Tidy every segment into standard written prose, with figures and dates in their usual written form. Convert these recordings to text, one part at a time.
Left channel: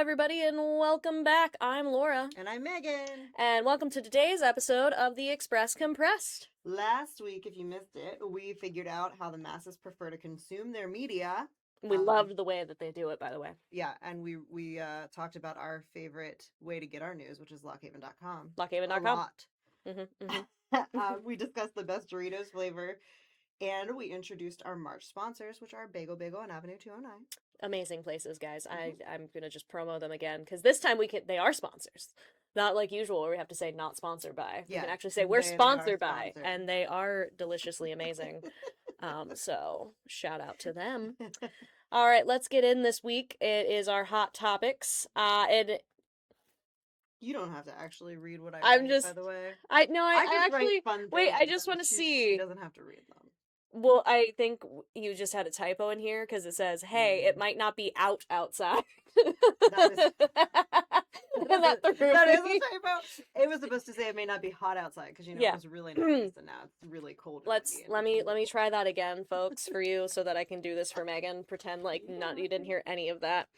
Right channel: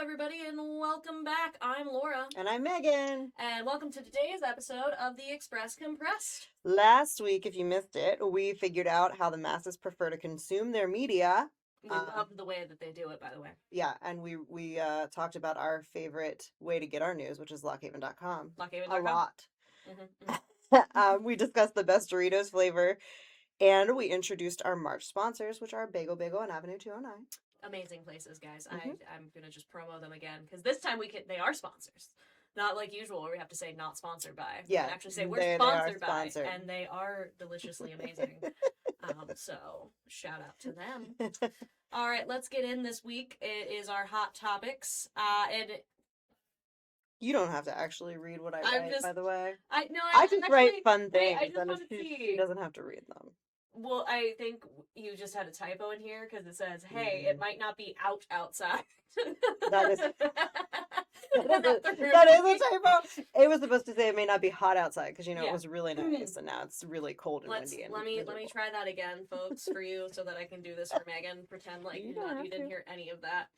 everybody, and welcome back. I'm Laura. And I'm Megan. And welcome to today's episode of The Express Compressed. Last week, if you missed it, we figured out how the masses prefer to consume their media. We loved the way that they do it, by the way. Yeah, and we talked about our favorite way to get our news, which is lockhaven.com. Lockhaven.com. A lot. Mm-hmm. We discussed the best Doritos flavor, and we introduced our March sponsors, which are Bagel and Avenue 209. Amazing places, guys. I'm going to just promo them again, because this time they are sponsors. Not like usual where we have to say not sponsored by. Yeah. We can actually say we're sponsored by, and they are deliciously amazing. So shout out to them. All right, let's get in this week. It is our hot topics. You don't have to actually read what I'm write, just, by the way. I just actually write fun things. Wait, I just want to see. She doesn't have to read them. Well, I think you just had a typo in here because it says, "Hey, it might not be outside." That is a typo. It was supposed to say it may not be hot outside because it was really nice, and now it's really cold and windy. Let me try that again, folks, for you, so that I can do this for Megan. Pretend like you didn't hear any of that.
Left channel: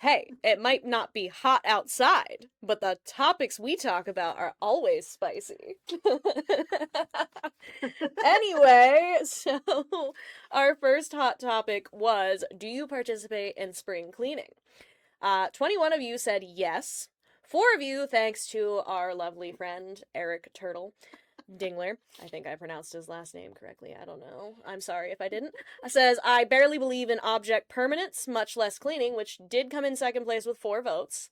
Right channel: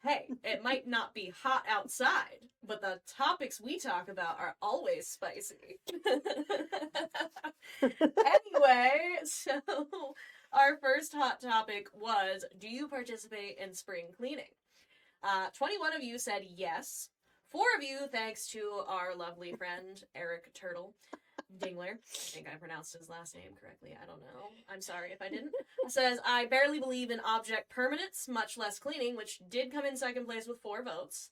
Hey, it might not be hot outside, but the topics we talk about are always spicy. Anyway, so our first hot topic was, do you participate in spring cleaning? 21 of you said yes. 4 of you, thanks to our lovely friend, Eric Turtle Dingler, I think I pronounced his last name correctly, I don't know, I'm sorry if I didn't, says, I barely believe in object permanence, much less cleaning, which did come in second place with 4 votes.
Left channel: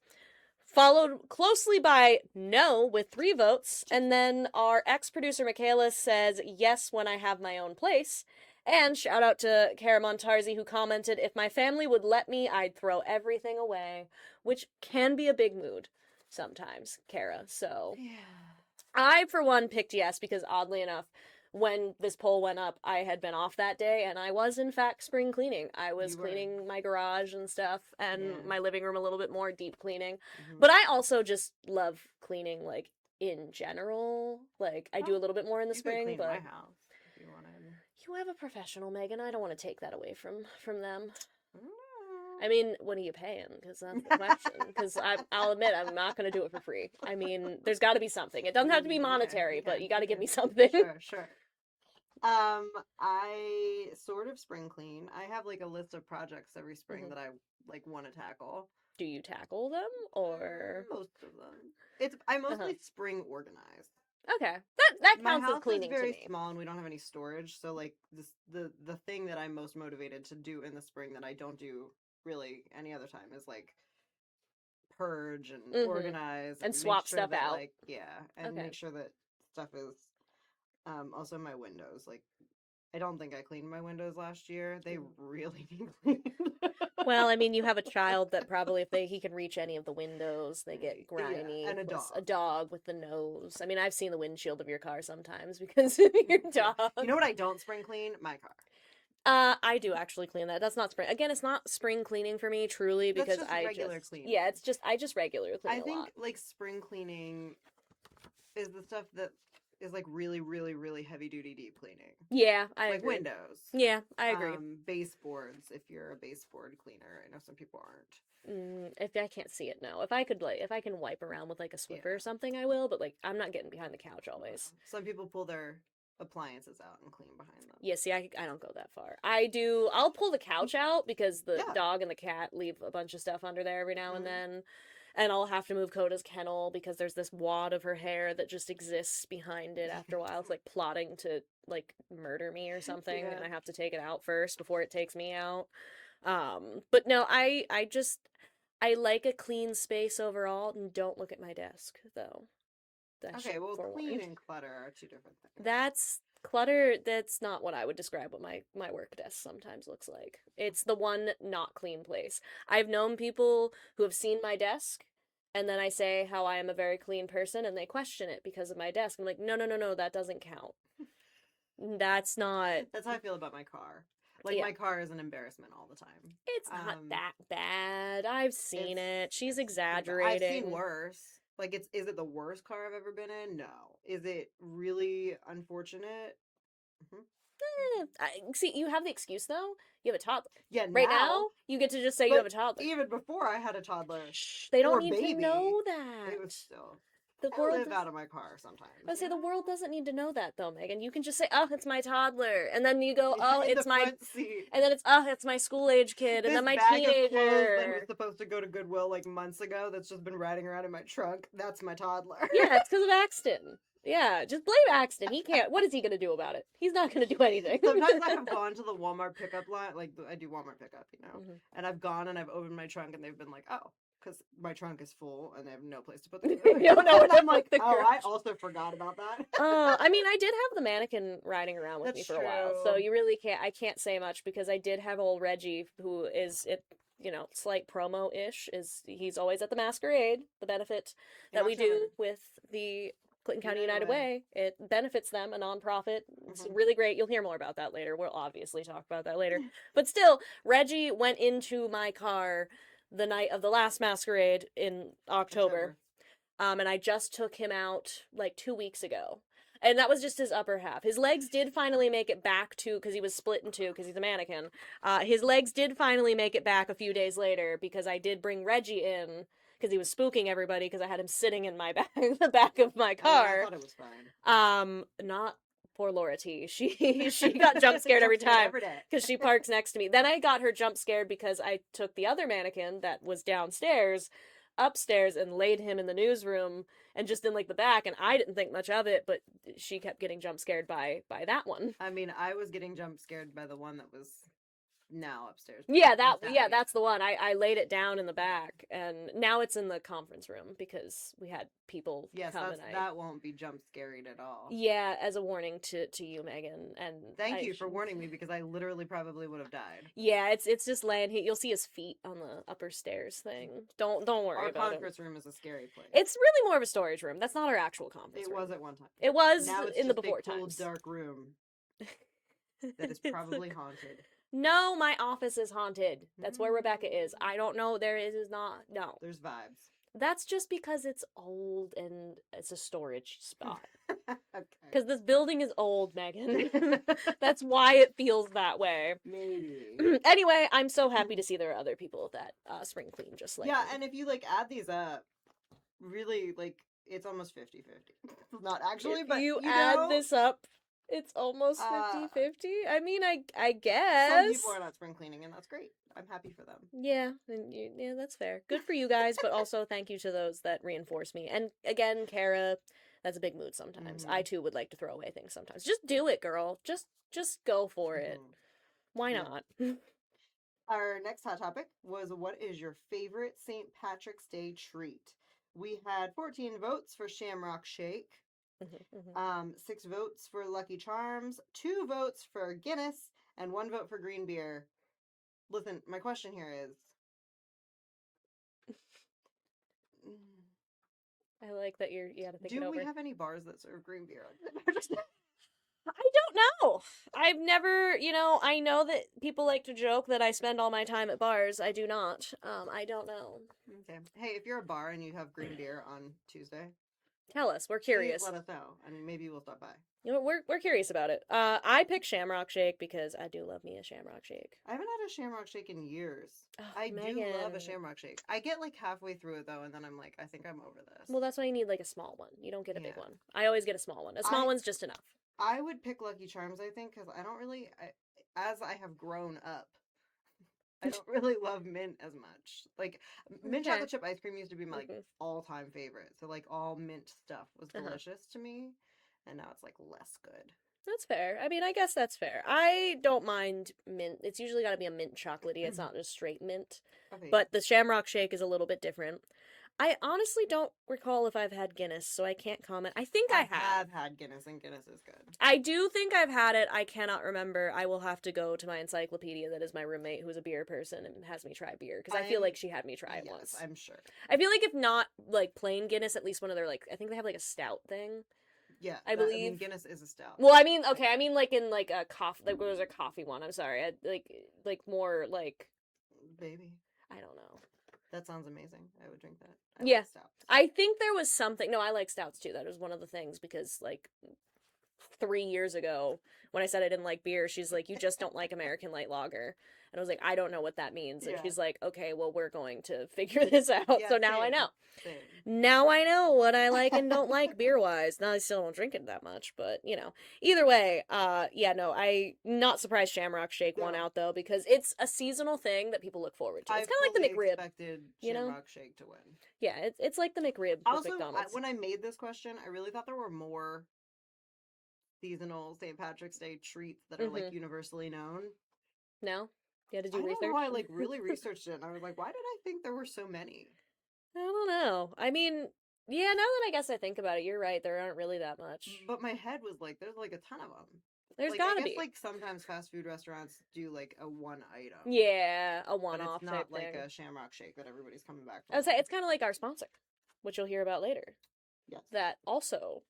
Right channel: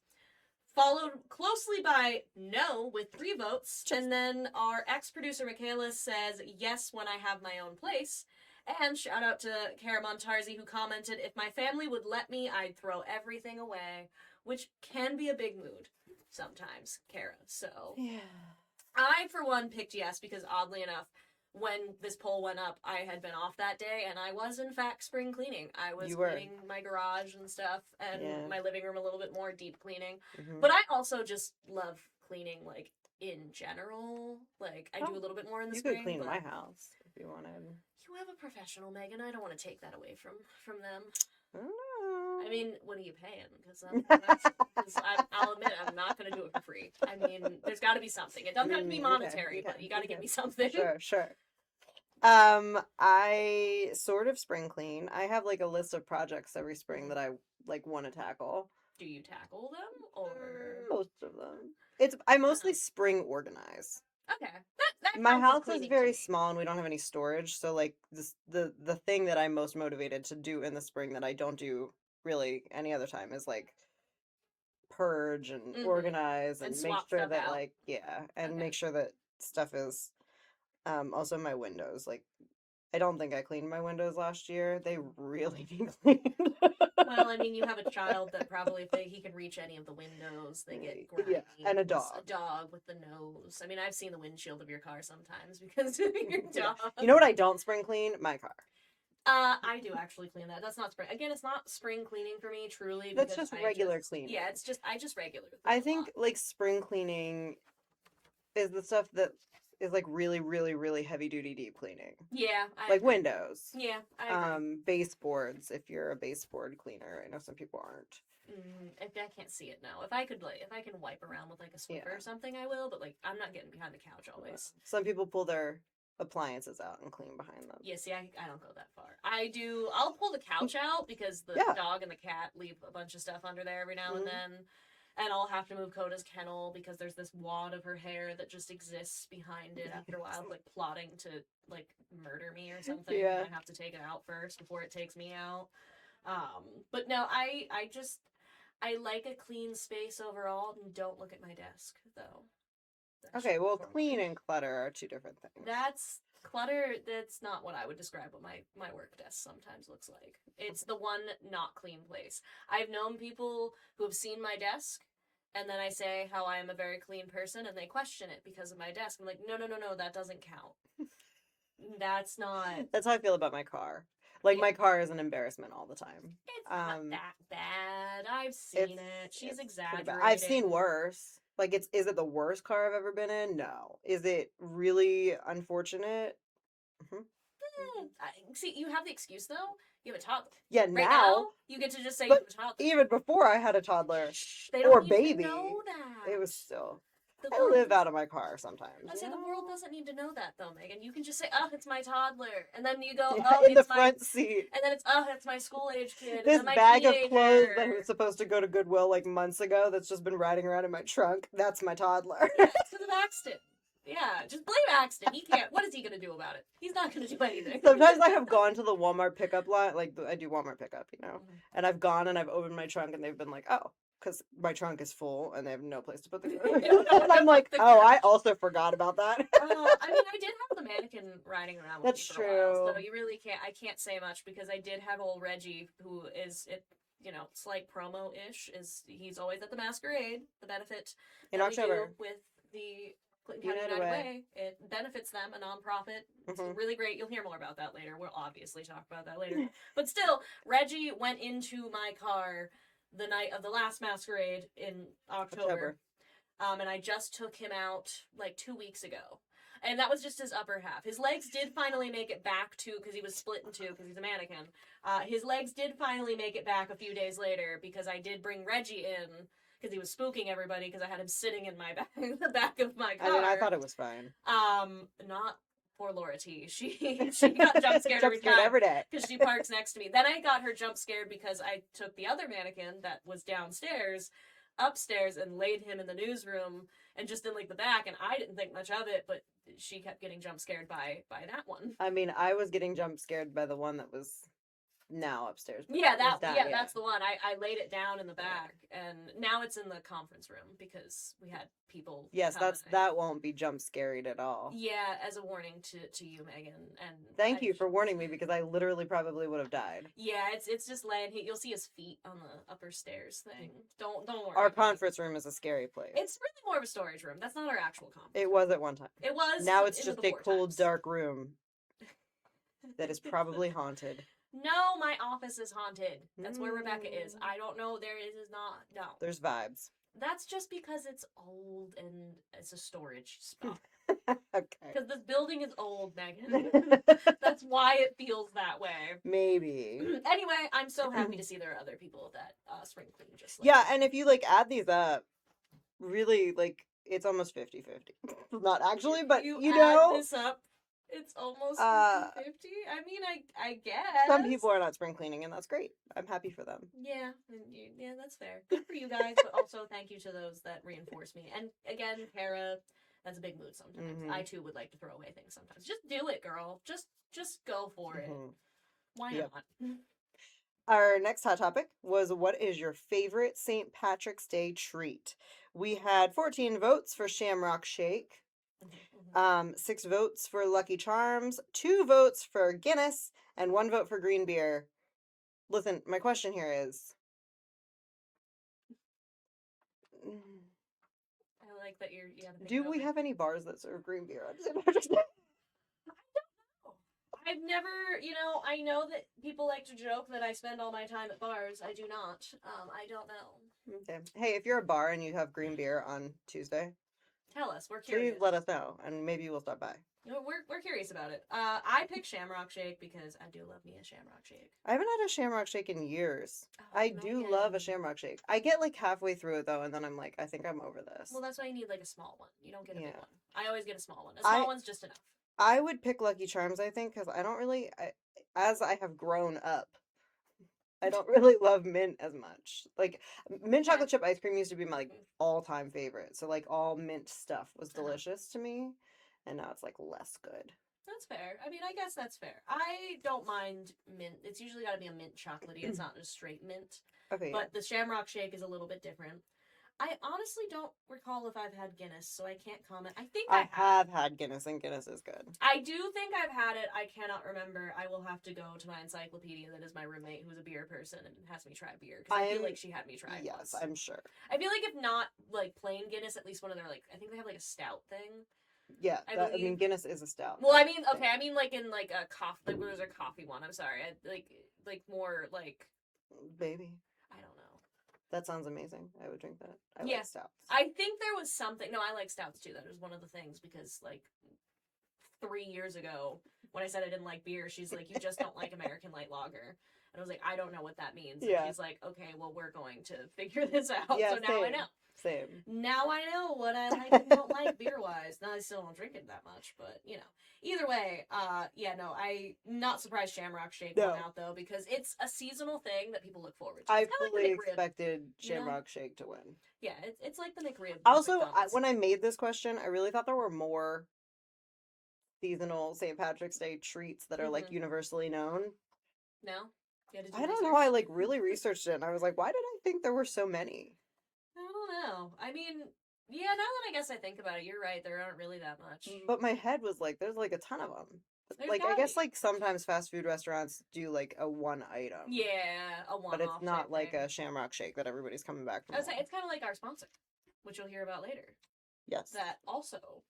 Followed closely by no with 3 votes, and then our ex-producer Michaela says yes when I have my own place. And shout out to Kara Montarzi, who commented, if my family would let me, I'd throw everything away, which can be a big mood sometimes, Kara. So I, for one, picked yes because, oddly enough, when this poll went up, I had been off that day, and I was, in fact, spring cleaning. I was cleaning my garage and stuff, and my living room a little bit more, deep cleaning. Mm-hmm. But I also just love cleaning, like, in general. Like, I do a little bit more in the spring. You could clean my house if you wanted. You have a professional, Megan. I don't want to take that away from them. I mean, what are you paying? Because that's the question. Because I'll admit, I'm not going to do it for free. I mean, there's got to be something. It doesn't have to be monetary, but you got to give me something. Sure. I sort of spring clean. I have like a list of projects every spring that I like want to tackle. Do you tackle them or most of them? I mostly spring organize. Okay, that counts. My house is very small and we don't have any storage, so like the thing that I'm most motivated to do in the spring that I don't do really any other time is like purge and organize and swap stuff out. Like make sure that stuff is also my windows. Like I don't think I cleaned my windows last year. They really need cleaned. Well, I mean, you have a child that probably, if he can reach any of the windows, they get grimy. And a dog. A dog with the nose. I mean, I've seen the windshield of your car sometimes because of your dog. You know what I don't spring clean? My car. I do actually clean that. That's not spring. Again, it's not spring cleaning for me, truly, because that's just regular cleaning. Yeah, I just regular clean. I think like spring cleaning is the stuff that is like really, really, really heavy duty deep cleaning. Yeah, I agree. Windows. Yeah, I agree. Baseboards, if you're a baseboard cleaner. I know some people aren't. If I can't see it now, if I can wipe around with like a Swiffer or something, I will. But like, I'm not getting behind the couch always. Some people pull their appliances out and clean behind them. Yeah, see, I don't go that far. I'll pull the couch out because the dog and the cat leave a bunch of stuff under there every now and then. And I'll have to move Coda's kennel because there's this wad of her hair that just exists behind it after a while. It's like plotting to like murder me or something. Yeah. And I have to take it out first before it takes me out. But no, I like a clean space overall, and don't look at my desk though. Okay, well, clean and clutter are 2 different things. That's clutter. That's not what I would describe what my work desk sometimes looks like. It's the one not clean place. I've known people who have seen my desk, and then I say how I am a very clean person, and they question it because of my desk. I'm like, no, that doesn't count. That's not... That's how I feel about my car. Like, my car is an embarrassment all the time. It's not that bad. I've seen it. She's exaggerating. I've seen worse. Like, is it the worst car I've ever been in? No. Is it really unfortunate? See, you have the excuse though. You have a toddler. Yeah, Right now, you get to just say you but have a toddler. even before I had a toddler Shh, they or don't need baby, to know that. it was still. The I world live out of my car sometimes. I you say the know? world doesn't need to know that though, Megan. You can just say, "Oh, it's my toddler," and then you go, Yeah, "Oh, in it's the my," front seat. and then it's, "Oh, it's my school age kid," and This then my bag of clothes that teenager. was supposed to go to Goodwill like months ago that's just been riding around in my trunk. That's my toddler. Yeah, it's because of Axton. Yeah, just blame Axton. He can't. What is he gonna do about it? He's not gonna do anything. Sometimes I have gone to the Walmart pickup line, like I do Walmart pickup, Mhm. and I've gone and I've opened my trunk and they've been like, oh, because my trunk is full and they have no place to put the You don't know and where I'm like, the oh, I garage. also forgot about that. I mean, I did have the mannequin riding around with me That's for a while, so true. you really can't. I can't say much because I did have old Reggie, who is it. Slight promo ish. He's always at the masquerade. The benefit In that we do October. with the Clinton County United United Way. Way, it benefits them, a nonprofit. It's Mhm. really great. You'll hear more about that later. We'll obviously talk about that later. But still, Reggie went into my car the night of the last masquerade in October. And I just took him out like 2 weeks ago. And that was just his upper half. His legs did finally make it back to, because he was split in two, because he's a mannequin. His legs did finally make it back a few days later, because I did bring Reggie in, because he was spooking everybody, because I had him sitting in my back, the back of my car. I thought it was fine. Not poor Laura T. She got jump scared every time. Every day. Because she parks next to me. Then I got her jump scared because I took the other mannequin that was downstairs upstairs and laid him in the newsroom and just in like the back, and I didn't think much of it, but she kept getting jump scared by that one. I mean, I was getting jump scared by the one that was now upstairs. Yeah, that's the one. I laid it down in the back, and now it's in the conference room because we had people. Yes, come that won't be jump scared at all. Yeah, as a warning to you, Megan, and thank you for warning me because I literally probably would have died. Yeah, it's just laying. You'll see his feet on the upper stairs thing. Don't worry. Our about conference room is a scary place. It's really more of a storage room. That's not our actual conference. It room. was at one time. It was. Now it's in just the a before cold, times. dark room that is probably haunted. No, my office is haunted. That's where Rebecca is. I don't know. There is not. No. There's vibes. That's just because it's old and it's a storage spot. Okay. Because this building is old, Megan. That's why it feels that way. Maybe. Anyway, I'm so happy to see there are other people that spring clean just like Yeah, me. and if you like add these up, really like it's almost 50-50. Not actually, but you you add know, this up, it's almost 50-50. I mean, I guess some people are not spring cleaning, and that's great. I'm happy for them. Yeah, yeah, that's fair. Good for you guys, but also thank you to those that reinforce me. And again, Kara, that's a big mood sometimes. Mhm. I too would like to throw away things sometimes. Just do it, girl. Just go for it. Mhm. Why Yep. not? Our next hot topic was what is your favorite St. Patrick's Day treat? We had 14 votes for Shamrock Shake, 6 votes for Lucky Charms, 2 votes for Guinness, and 1 vote for green beer. Listen, my question here is I like that you had to think it do we over. have any bars that serve green beer on St. Patrick's Day? I don't know. I've never, I know that people like to joke that I spend all my time at bars. I do not. I don't know. Okay. Hey, if you're a bar and you have green beer on Tuesday, Tell us. We're please curious. let us know, and maybe we'll stop by. We're curious about it. I pick Shamrock Shake because I do love me a Shamrock Shake. I haven't had a Shamrock Shake in years. Oh, I do love a Megan. Shamrock Shake. I get like halfway through it though, and then I'm like, I think I'm over this. Well, that's why you need like a small one. You don't get a big Yeah. one. I always get a small one. A small one's just enough. I would pick Lucky Charms, I think, because I don't really, as I have grown up, I don't really love mint as much. Like, mint Okay. chocolate chip ice cream used to be my like Mhm. all-time favorite. So like all mint stuff was Uh-huh. delicious to me, and now it's like less good. That's fair. I mean, I guess that's fair. I don't mind mint. It's usually got to be a mint chocolatey. It's not just straight mint. Okay. But the Shamrock Shake is a little bit different. I honestly don't recall if I've had Guinness, so I can't comment. I think I have. have had Guinness, and Guinness is good. I do think I've had it. I cannot remember. I will have to go to my encyclopedia that is my roommate who's a beer person and has me try beer because I feel like she had me try it Yes, once. I'm sure. I feel like if not like plain Guinness, at least one of their like I think they have like a stout thing. Yeah, I mean, believe- Guinness is a stout. Well, I mean, okay, I mean like in like a coffee like where there's a coffee one. I'm sorry, like more like Baby, I don't know. that sounds amazing. I would drink that. I Yeah. like stouts. I think there was something. No, I like stouts too. That was one of the things because like 3 years ago when I said I didn't like beer, she's like, you just don't like American light lager. And I was like, I don't know what that means. And Yeah. she's like, okay, well, we're going to figure this out. Yeah, So now I same. know. Same. Now I know what I like and don't like beer wise. Now I still don't drink it that much, but you know. Either way, yeah, no, I not surprised Shamrock Shake won No. out though, because it's a seasonal thing that people look forward to. I It's kind of like the McRib. expected you know? Shamrock Shake to win. Yeah, it's like the McRib. with Also, McDonald's. when I made this question, I really thought there were more seasonal St. Patrick's Day treats that are like universally known. No? You had to do I research? don't know. I like really researched it, and I was like, why did I think there were so many? I don't know. I mean, yeah, now that I guess I think about it, you're right. There aren't really that much. But my head was like, there's like a ton of them. There's like, gotta I guess be. like sometimes fast food restaurants do like a one item. Yeah, a one-off. But it's not type like thing. a Shamrock Shake that everybody's coming back from. I would say it's kind of like our sponsor, which you'll hear about later. Yes. That also,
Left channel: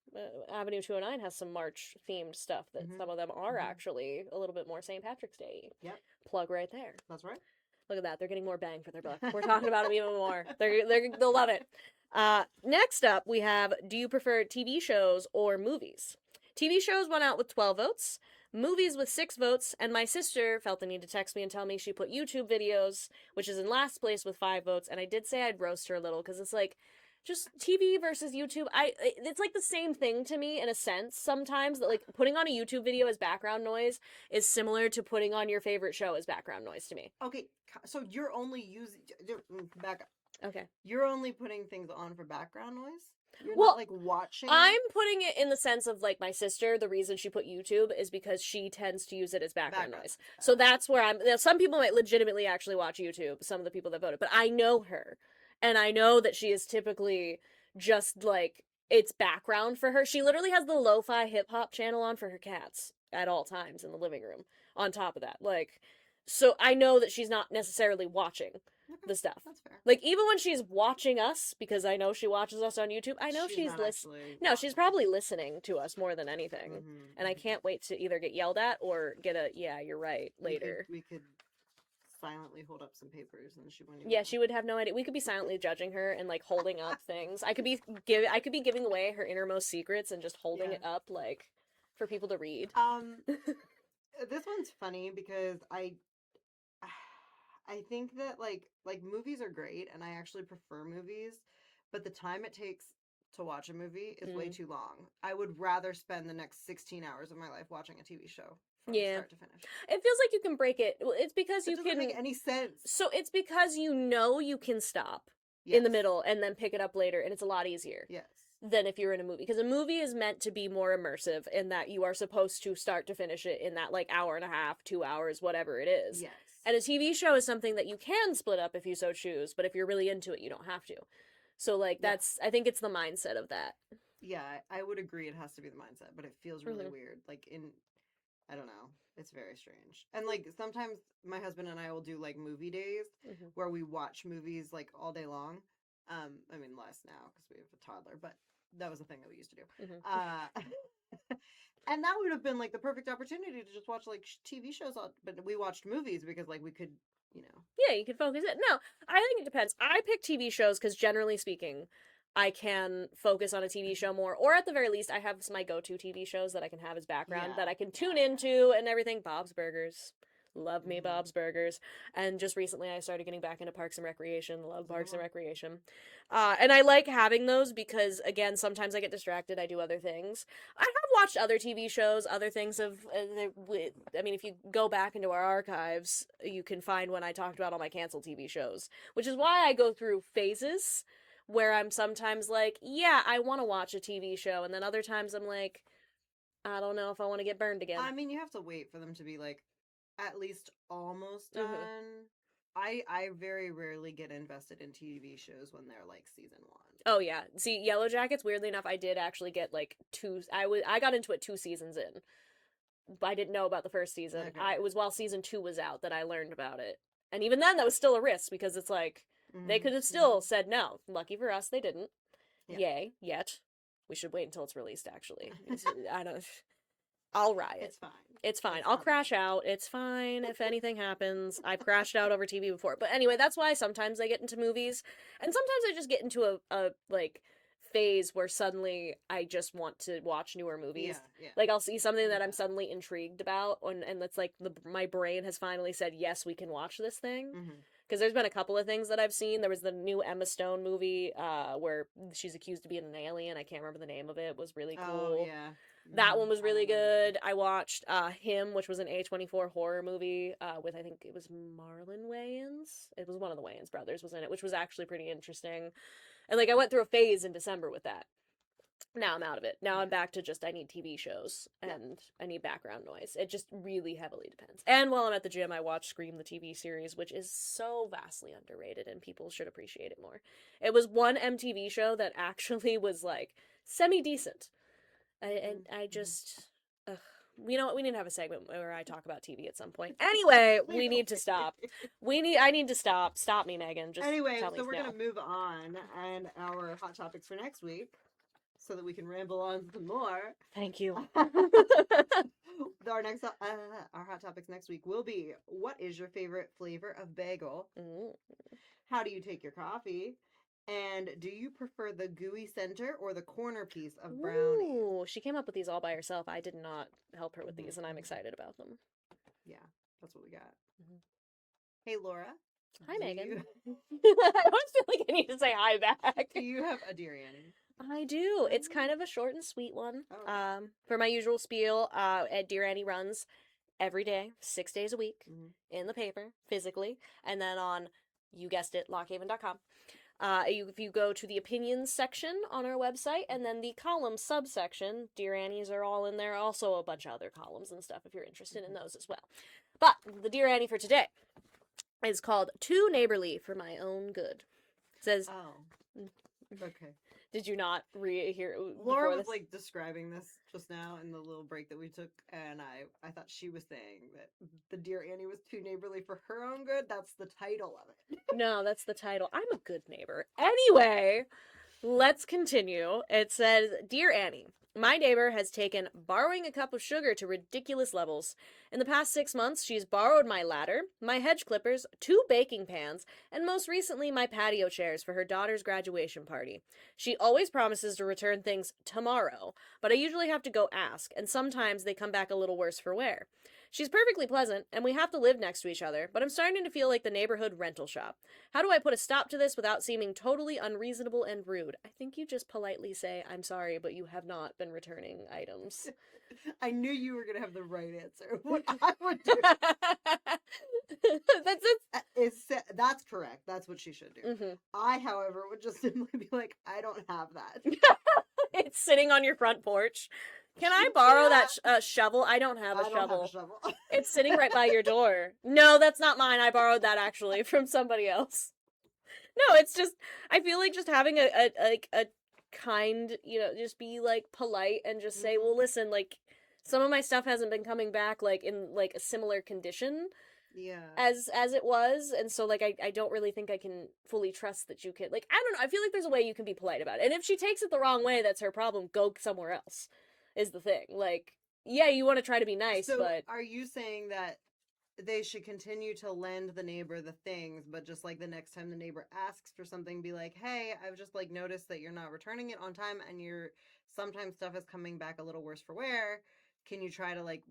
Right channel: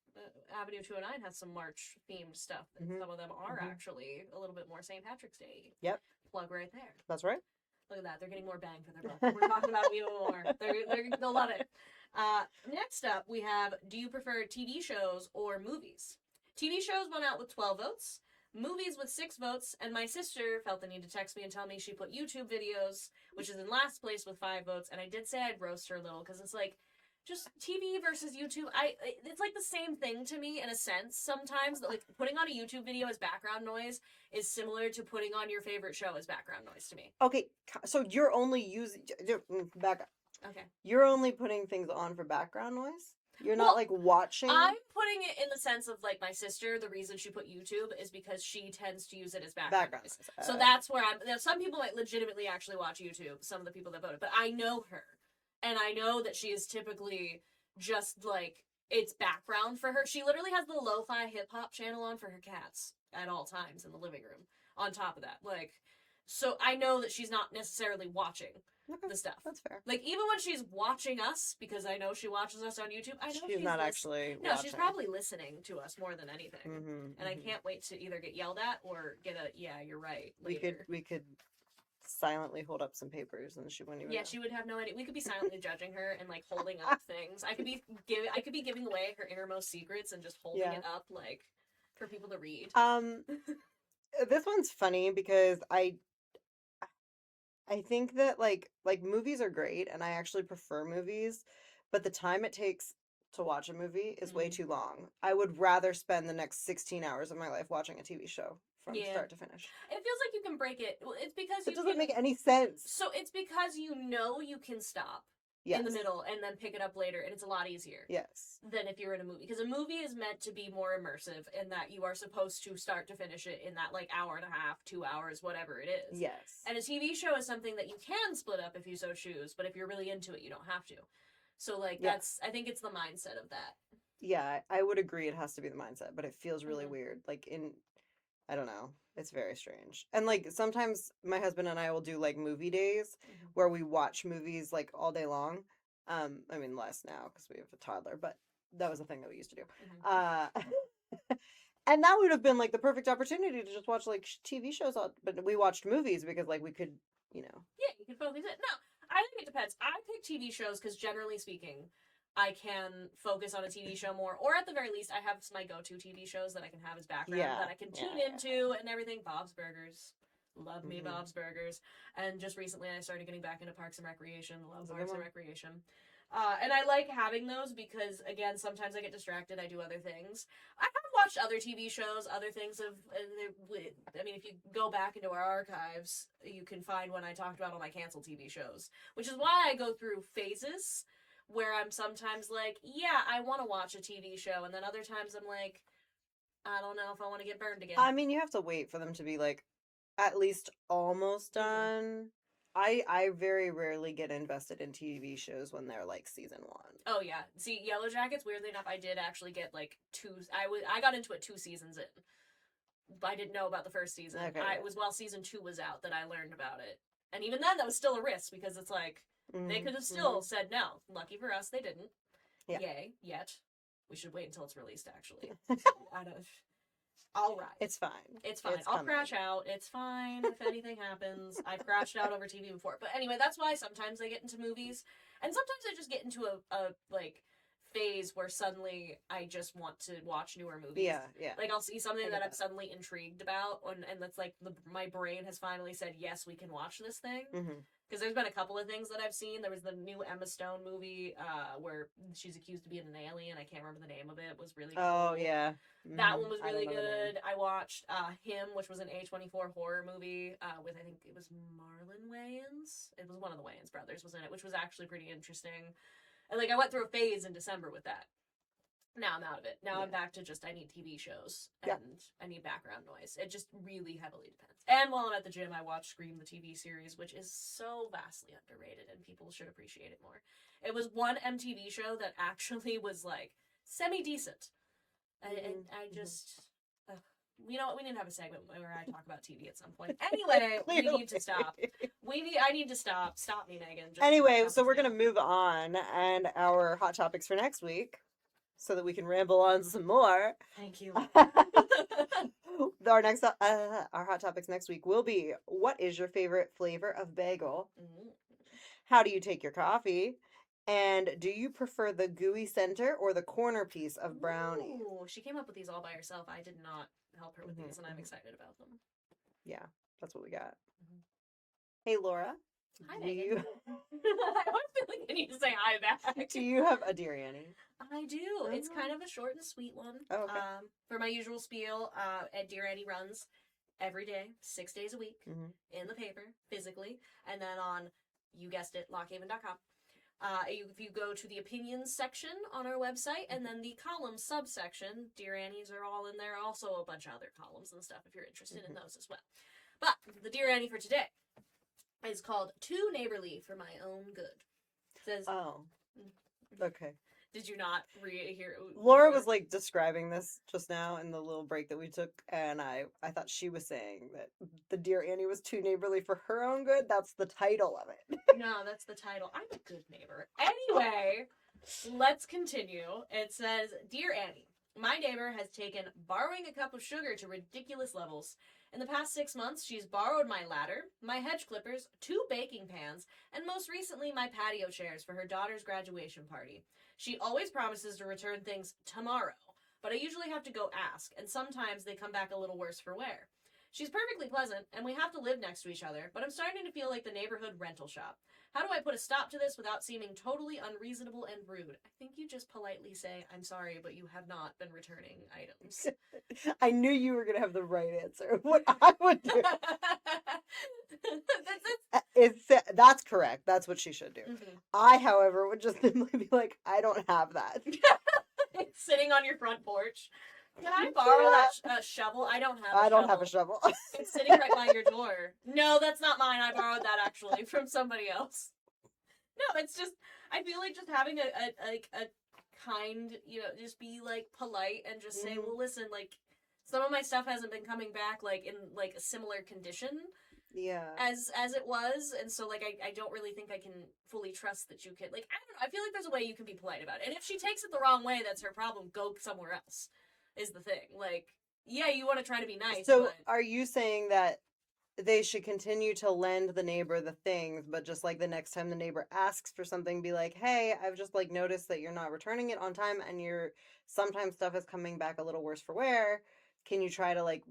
Avenue 209 has some March themed stuff that some of them are actually a little bit more St. Patrick's Day. Yep. Plug right there. That's right. Look at that. They're getting more bang for their buck. We're talking about them even more. They'll love it. Next up, we have, do you prefer TV shows or movies? TV shows went out with 12 votes. Movies with 6 votes, and my sister felt the need to text me and tell me she put YouTube videos, which is in last place with 5 votes, and I did say I'd roast her a little, because it's like, just TV versus YouTube, it's like the same thing to me in a sense sometimes, that like putting on a YouTube video as background noise is similar to putting on your favorite show as background noise to me. Okay, so you're only using back up. Okay. You're only putting things on for background noise? You're Well, not like watching? I'm putting it in the sense of like my sister, the reason she put YouTube is because she tends to use it as background noise. So that's where some people might legitimately actually watch YouTube, some of the people that voted, but I know her. And I know that she is typically just like, it's background for her. She literally has the lo-fi hip-hop channel on for her cats at all times in the living room, on top of that. Like, so I know that she's not necessarily watching the stuff. That's fair. Like, even when she's watching us, because I know she watches us on YouTube, I know she's not actually No, she's watching. probably listening to us more than anything. And I can't wait to either get yelled at or get a, yeah, you're right, later. We could silently hold up some papers and she wouldn't even Yeah, know. she would have no idea. We could be silently judging her and like holding up things. I could be giving away her innermost secrets and just holding it up like for people to read. This one's funny because I think that like movies are great and I actually prefer movies, but the time it takes to watch a movie is way too long. I would rather spend the next 16 hours of my life watching a TV show from start to finish. It feels like you can break it. Well, it's because It you doesn't can make any sense. So it's because you know you can stop in the middle and then pick it up later, and it's a lot easier. Yes. Than if you're in a movie, because a movie is meant to be more immersive in that you are supposed to start to finish it in that like hour and a half, 2 hours, whatever it is. Yes. And a TV show is something that you can split up if you so choose, but if you're really into it, you don't have to. So like that's I think it's the mindset of that. Yeah, I would agree it has to be the mindset, but it feels really weird. Like I don't know. It's very strange. And like sometimes my husband and I will do like movie days where we watch movies like all day long. I mean less now because we have a toddler, but that was a thing that we used to do. And that would have been like the perfect opportunity to just watch like TV shows, but we watched movies because like we could, you know. Yeah, you can focus it. No, I think it depends. I pick TV shows because generally speaking, I can focus on a TV show more, or at the very least, I have my go-to TV shows that I can have as background that I can tune into and everything. Bob's Burgers. Love me Bob's Burgers. And just recently I started getting back into Parks and Recreation. Love Parks and Recreation. And I like having those because, again, sometimes I get distracted. I do other things. I have watched other TV shows, other things of... I mean, if you go back into our archives, you can find when I talked about all my canceled TV shows. Which is why I go through phases where I'm sometimes like, yeah, I want to watch a TV show. And then other times I'm like, I don't know if I want to get burned again. I mean, you have to wait for them to be like, at least almost done. I very rarely get invested in TV shows when they're like season 1. Oh yeah. See, Yellow Jackets, weirdly enough, I did actually get like 2 I got into it 2 seasons in. But I didn't know about the first season. Okay. It was while season 2 was out that I learned about it. And even then that was still a risk because it's like they could have still said no. Lucky for us they didn't. Yeah. Yay, yet. We should wait until it's released actually. I don't I'll riot. It's fine. It's fine. It's I'll coming. crash out. It's fine if anything happens. I've crashed out over TV before. But anyway, that's why sometimes I get into movies. And sometimes I just get into a like phase where suddenly I just want to watch newer movies. Yeah, yeah. Like I'll see something I that get I'm that. suddenly intrigued about, and that's like my brain has finally said yes, we can watch this thing. Mm-hmm. Because there's been a couple of things that I've seen. There was the new Emma Stone movie, where she's accused of being an alien. I can't remember the name of it. It was really cool. Oh, yeah. That one was I don't really know the name. good. I watched Him, which was an A24 horror movie with, I think it was Marlon Wayans. It was one of the Wayans brothers was in it, which was actually pretty interesting. And like I went through a phase in December with that. Now I'm out of it. Now I'm Yeah. back to just I need TV shows and Yeah. I need background noise. It just really heavily depends. And while I'm at the gym, I watch Scream the TV series, which is so vastly underrated and people should appreciate it more. It was one MTV show that actually was like semi decent. And I just ugh. We need to have a segment where I talk about TV at some point. Anyway, we need to stop. I need to stop. Stop me, Megan. Just Anyway, tell so me we're to going to move on, and our hot topics for next week, so that we can ramble on some more. Thank you. Our hot topics next week will be: what is your favorite flavor of bagel? Mm. How do you take your coffee? And do you prefer the gooey center or the corner piece of brownie? Ooh, she came up with these all by herself. I did not help her with Mhm, these, and I'm mhm. excited about them. Yeah, that's what we got. Mhm. Hey, Laura. Hi, do Megan. You, I always feel like I need to say hi back. do you have a Dear Annie? I do. It's kind of a short and sweet one. Oh, okay. For my usual spiel, Dear Annie runs every day, 6 days a week, Mhm. in the paper, physically, and then on, you guessed it, lockhaven.com. If you go to the opinions section on our website and then the column subsection, Dear Annies are all in there. Also, a bunch of other columns and stuff if you're interested in those as well. But the Dear Annie for today is called Too Neighborly for My Own Good. It says, Oh, okay. did you not hear? Laura was like describing this just now in the little break that we took, and I thought she was saying that the Dear Annie was too neighborly for her own good. That's the title of it. No, that's the title. I'm a good neighbor. Anyway, let's continue. It says, Dear Annie, my neighbor has taken borrowing a cup of sugar to ridiculous levels. In the past 6 months, she's borrowed my ladder, my hedge clippers, 2 baking pans, and most recently my patio chairs for her daughter's graduation party. She always promises to return things tomorrow, but I usually have to go ask, and sometimes they come back a little worse for wear. She's perfectly pleasant, and we have to live next to each other, but I'm starting to feel like the neighborhood rental shop. How do I put a stop to this without seeming totally unreasonable and rude? I think you just politely say, I'm sorry, but you have not been returning items. I knew you were gonna have the right answer. What I would do That's it. that's correct. That's what she should do. Mm-hmm. I, however, would just simply be like, I don't have that. It's sitting on your front porch. Can I borrow that shovel? I don't have a I shovel. don't have a shovel. It's sitting right by your door. No, that's not mine. I borrowed that actually from somebody else. No, it's just I feel like just having a kind, just be like polite and just say, well, listen, like some of my stuff hasn't been coming back like in like a similar condition Yeah. as it was, and so like I don't really think I can fully trust that you can like I don't know. I feel like there's a way you can be polite about it, and if she takes it the wrong way, that's her problem. Go somewhere else. Is the thing like yeah, you want to try to be nice, So but are you saying that they should continue to lend the neighbor the things, but just like the next time the neighbor asks for something, be like, hey, I've just like noticed that you're not returning it on time and you're sometimes stuff is coming back a little worse for wear. Can you try to like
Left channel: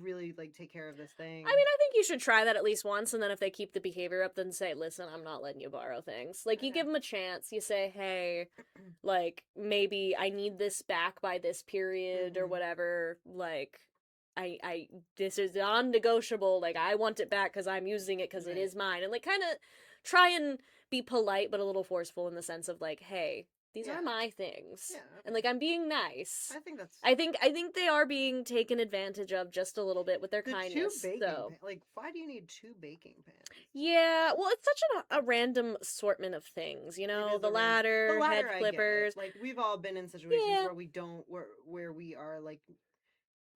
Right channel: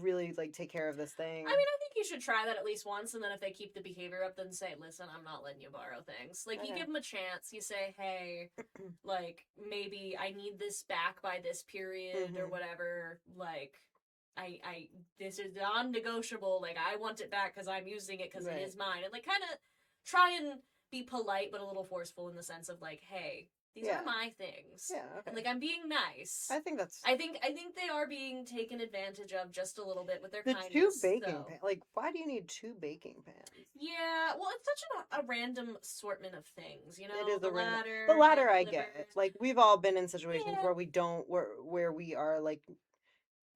really like take care of this thing? I mean, I think you should try that at least once, and then if they keep the behavior up, then say, listen, I'm not letting you borrow things. Like, you Okay. give them a chance. You say, hey, like, maybe I need this back by this period or Mhm. whatever. Like, this is non-negotiable. Like, I want it back because I'm using it because it Right. is mine. And, like, kind of try and be polite, but a little forceful in the sense of, like, hey, these Yeah. are my things. Yeah. And, Okay. like, I'm being nice. I think that's I think they are being taken advantage of just a little bit with their the kindness. 2 baking so. pans. Like, why do you need 2 baking pans? Yeah, well, it's such a random assortment of things, you It know, is the a random- ladder, The ladder, head I get it. clippers. Like we've all been in situations Yeah. where we don't where we are like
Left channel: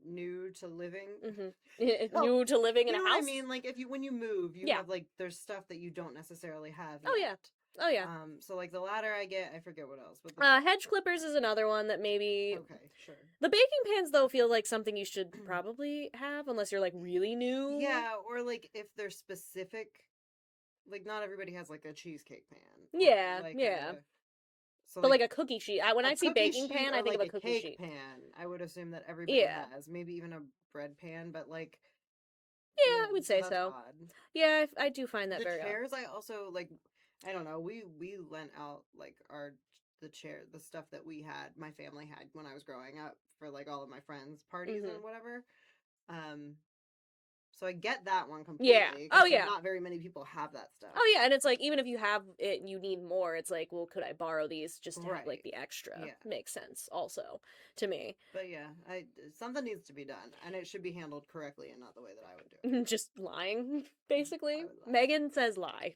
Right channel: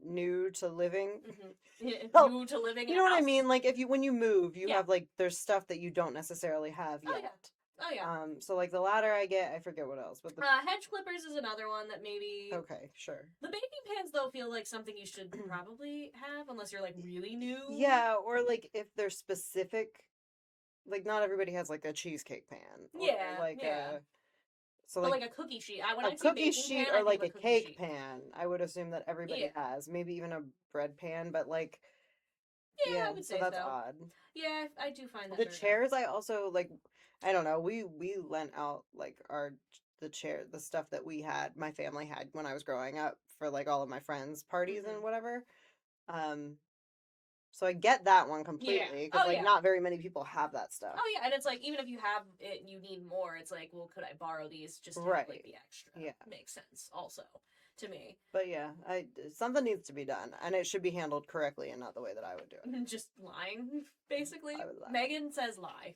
new to living. Mm-hmm. Oh, New to living in You know a what house. I mean? Like if you when you move, you Yeah. have like there's stuff that you don't necessarily have yet. Oh yeah. Oh yeah. So like the ladder, I get. I forget what else, but Hedge clippers is another one that maybe. okay, sure. The baking pans though feel like something you should probably have unless you're like really new. Yeah, or like if they're specific, like not everybody has like a cheesecake pan. Or, Yeah, like yeah. So But like a cookie sheet. When I see cookie baking sheet pan, or I think like of a a cookie cake sheet. pan, I would assume that everybody Yeah. has. Maybe even a bread pan, but like, Yeah, I would say that's so. odd. Yeah, I do find that The very odd. chairs, I also like. I don't know. We lent out like the stuff that we had, my family had when I was growing up for like all of my friends' parties Mhm. and whatever. Um, so I get that one Yeah. completely. Oh, 'Cause, like, yeah. not very many people have that stuff. Oh yeah, and it's like even if you have it and you need more, it's like, well, could I borrow these just to have like Right. the extra? Yeah. Makes sense also to me. But yeah, something needs to be done, and it should be handled correctly and not the way that I would do it. Just lying, basically. I would lie. Megan says lie.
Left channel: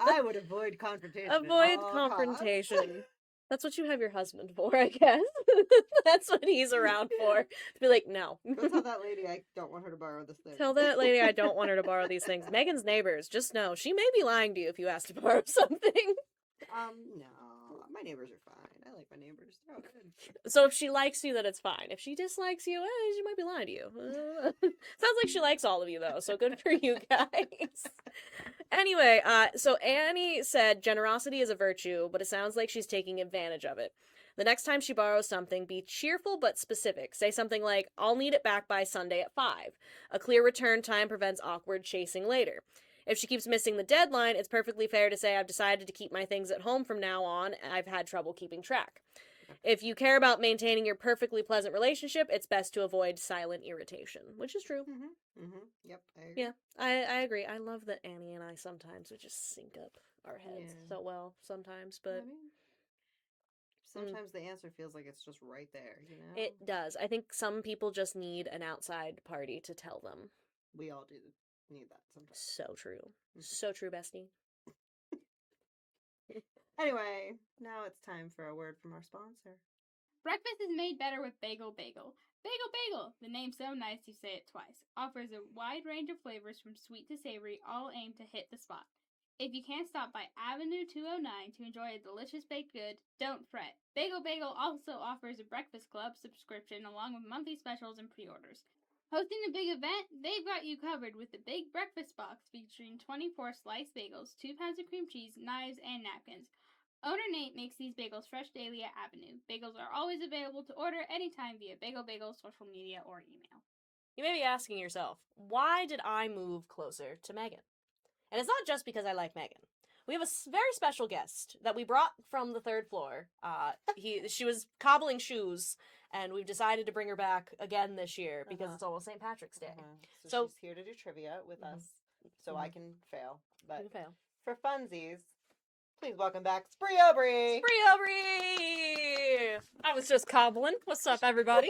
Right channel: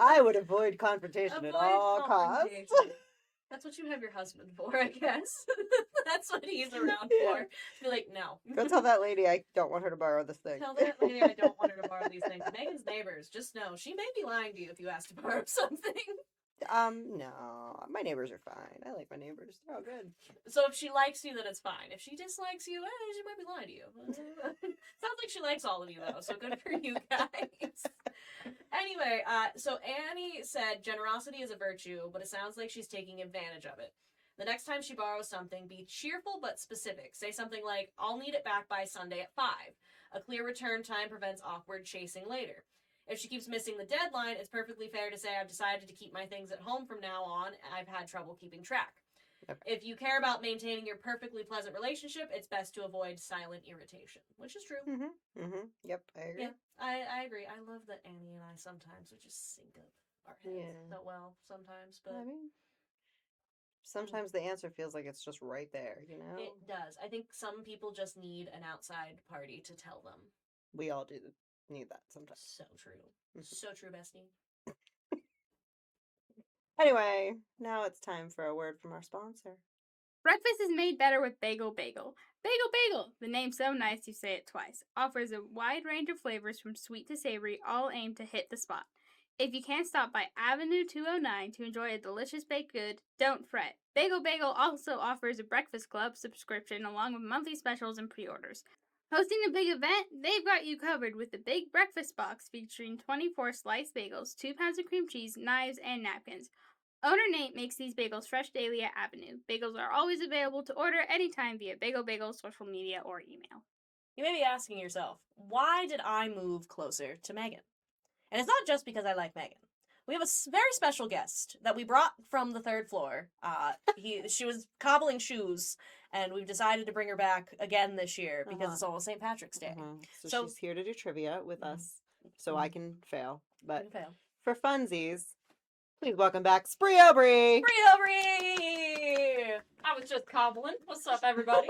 I would avoid confrontation at Avoid all confrontation. costs. That's what you have your husband for, I guess. That's what he's around for. Be like, no. Go tell that lady I don't want her to borrow this thing. Tell that lady I don't want her to borrow these things. Megan's neighbors, just know she may be lying to you if you ask to borrow something. No, my neighbors are fine. I like my neighbors. They're all good. So if she likes you, then it's fine. If she dislikes you, she might be lying to you. Sounds like she likes all of you, though, so good for you guys. Anyway, so Annie said generosity is a virtue, but it sounds like she's taking advantage of it. The next time she borrows something, be cheerful but specific. Say something like, I'll need it back by Sunday at 5. A clear return time prevents awkward chasing later. If she keeps missing the deadline, it's perfectly fair to say, I've decided to keep my things at home from now on, and I've had trouble keeping track. Okay. If you care about maintaining your perfectly pleasant relationship, it's best to avoid silent irritation, which is true. Yep, I agree. Yeah, I agree. I love that Annie and I sometimes would just sync up our heads Yeah. so well sometimes, but I mean, sometimes the answer feels like it's just right there, you know? it does. I think some people just need an outside party to tell them. We all do need that sometimes. So true. So true, bestie. Anyway, now it's time for a word from our sponsor. Breakfast is made better with Bagel Bagel. Bagel Bagel, the name's so nice you say it twice, offers a wide range of flavors from sweet to savory, all aimed to hit the spot. If you can't stop by Avenue 209 to enjoy a delicious baked good, don't fret. Bagel Bagel also offers a breakfast club subscription along with monthly specials and pre-orders. Hosting a big event? They've got you covered with the Big Breakfast Box featuring 24 sliced bagels, 2 pounds of cream cheese, knives, and napkins. Owner Nate makes these bagels fresh daily at Avenue. Bagels are always available to order anytime via Bagel Bagel social media or email. You may be asking yourself, why did I move closer to Megan? And it's not just because I like Megan. We have a very special guest that we brought from the 3rd floor. She was cobbling shoes, and we've decided to bring her back again this year because it's almost St. Patrick's Day. So she's here to do trivia with us, so I can fail. But for funsies, please welcome back Spree Aubrey. Spree Aubrey! I was just cobbling. What's up, everybody?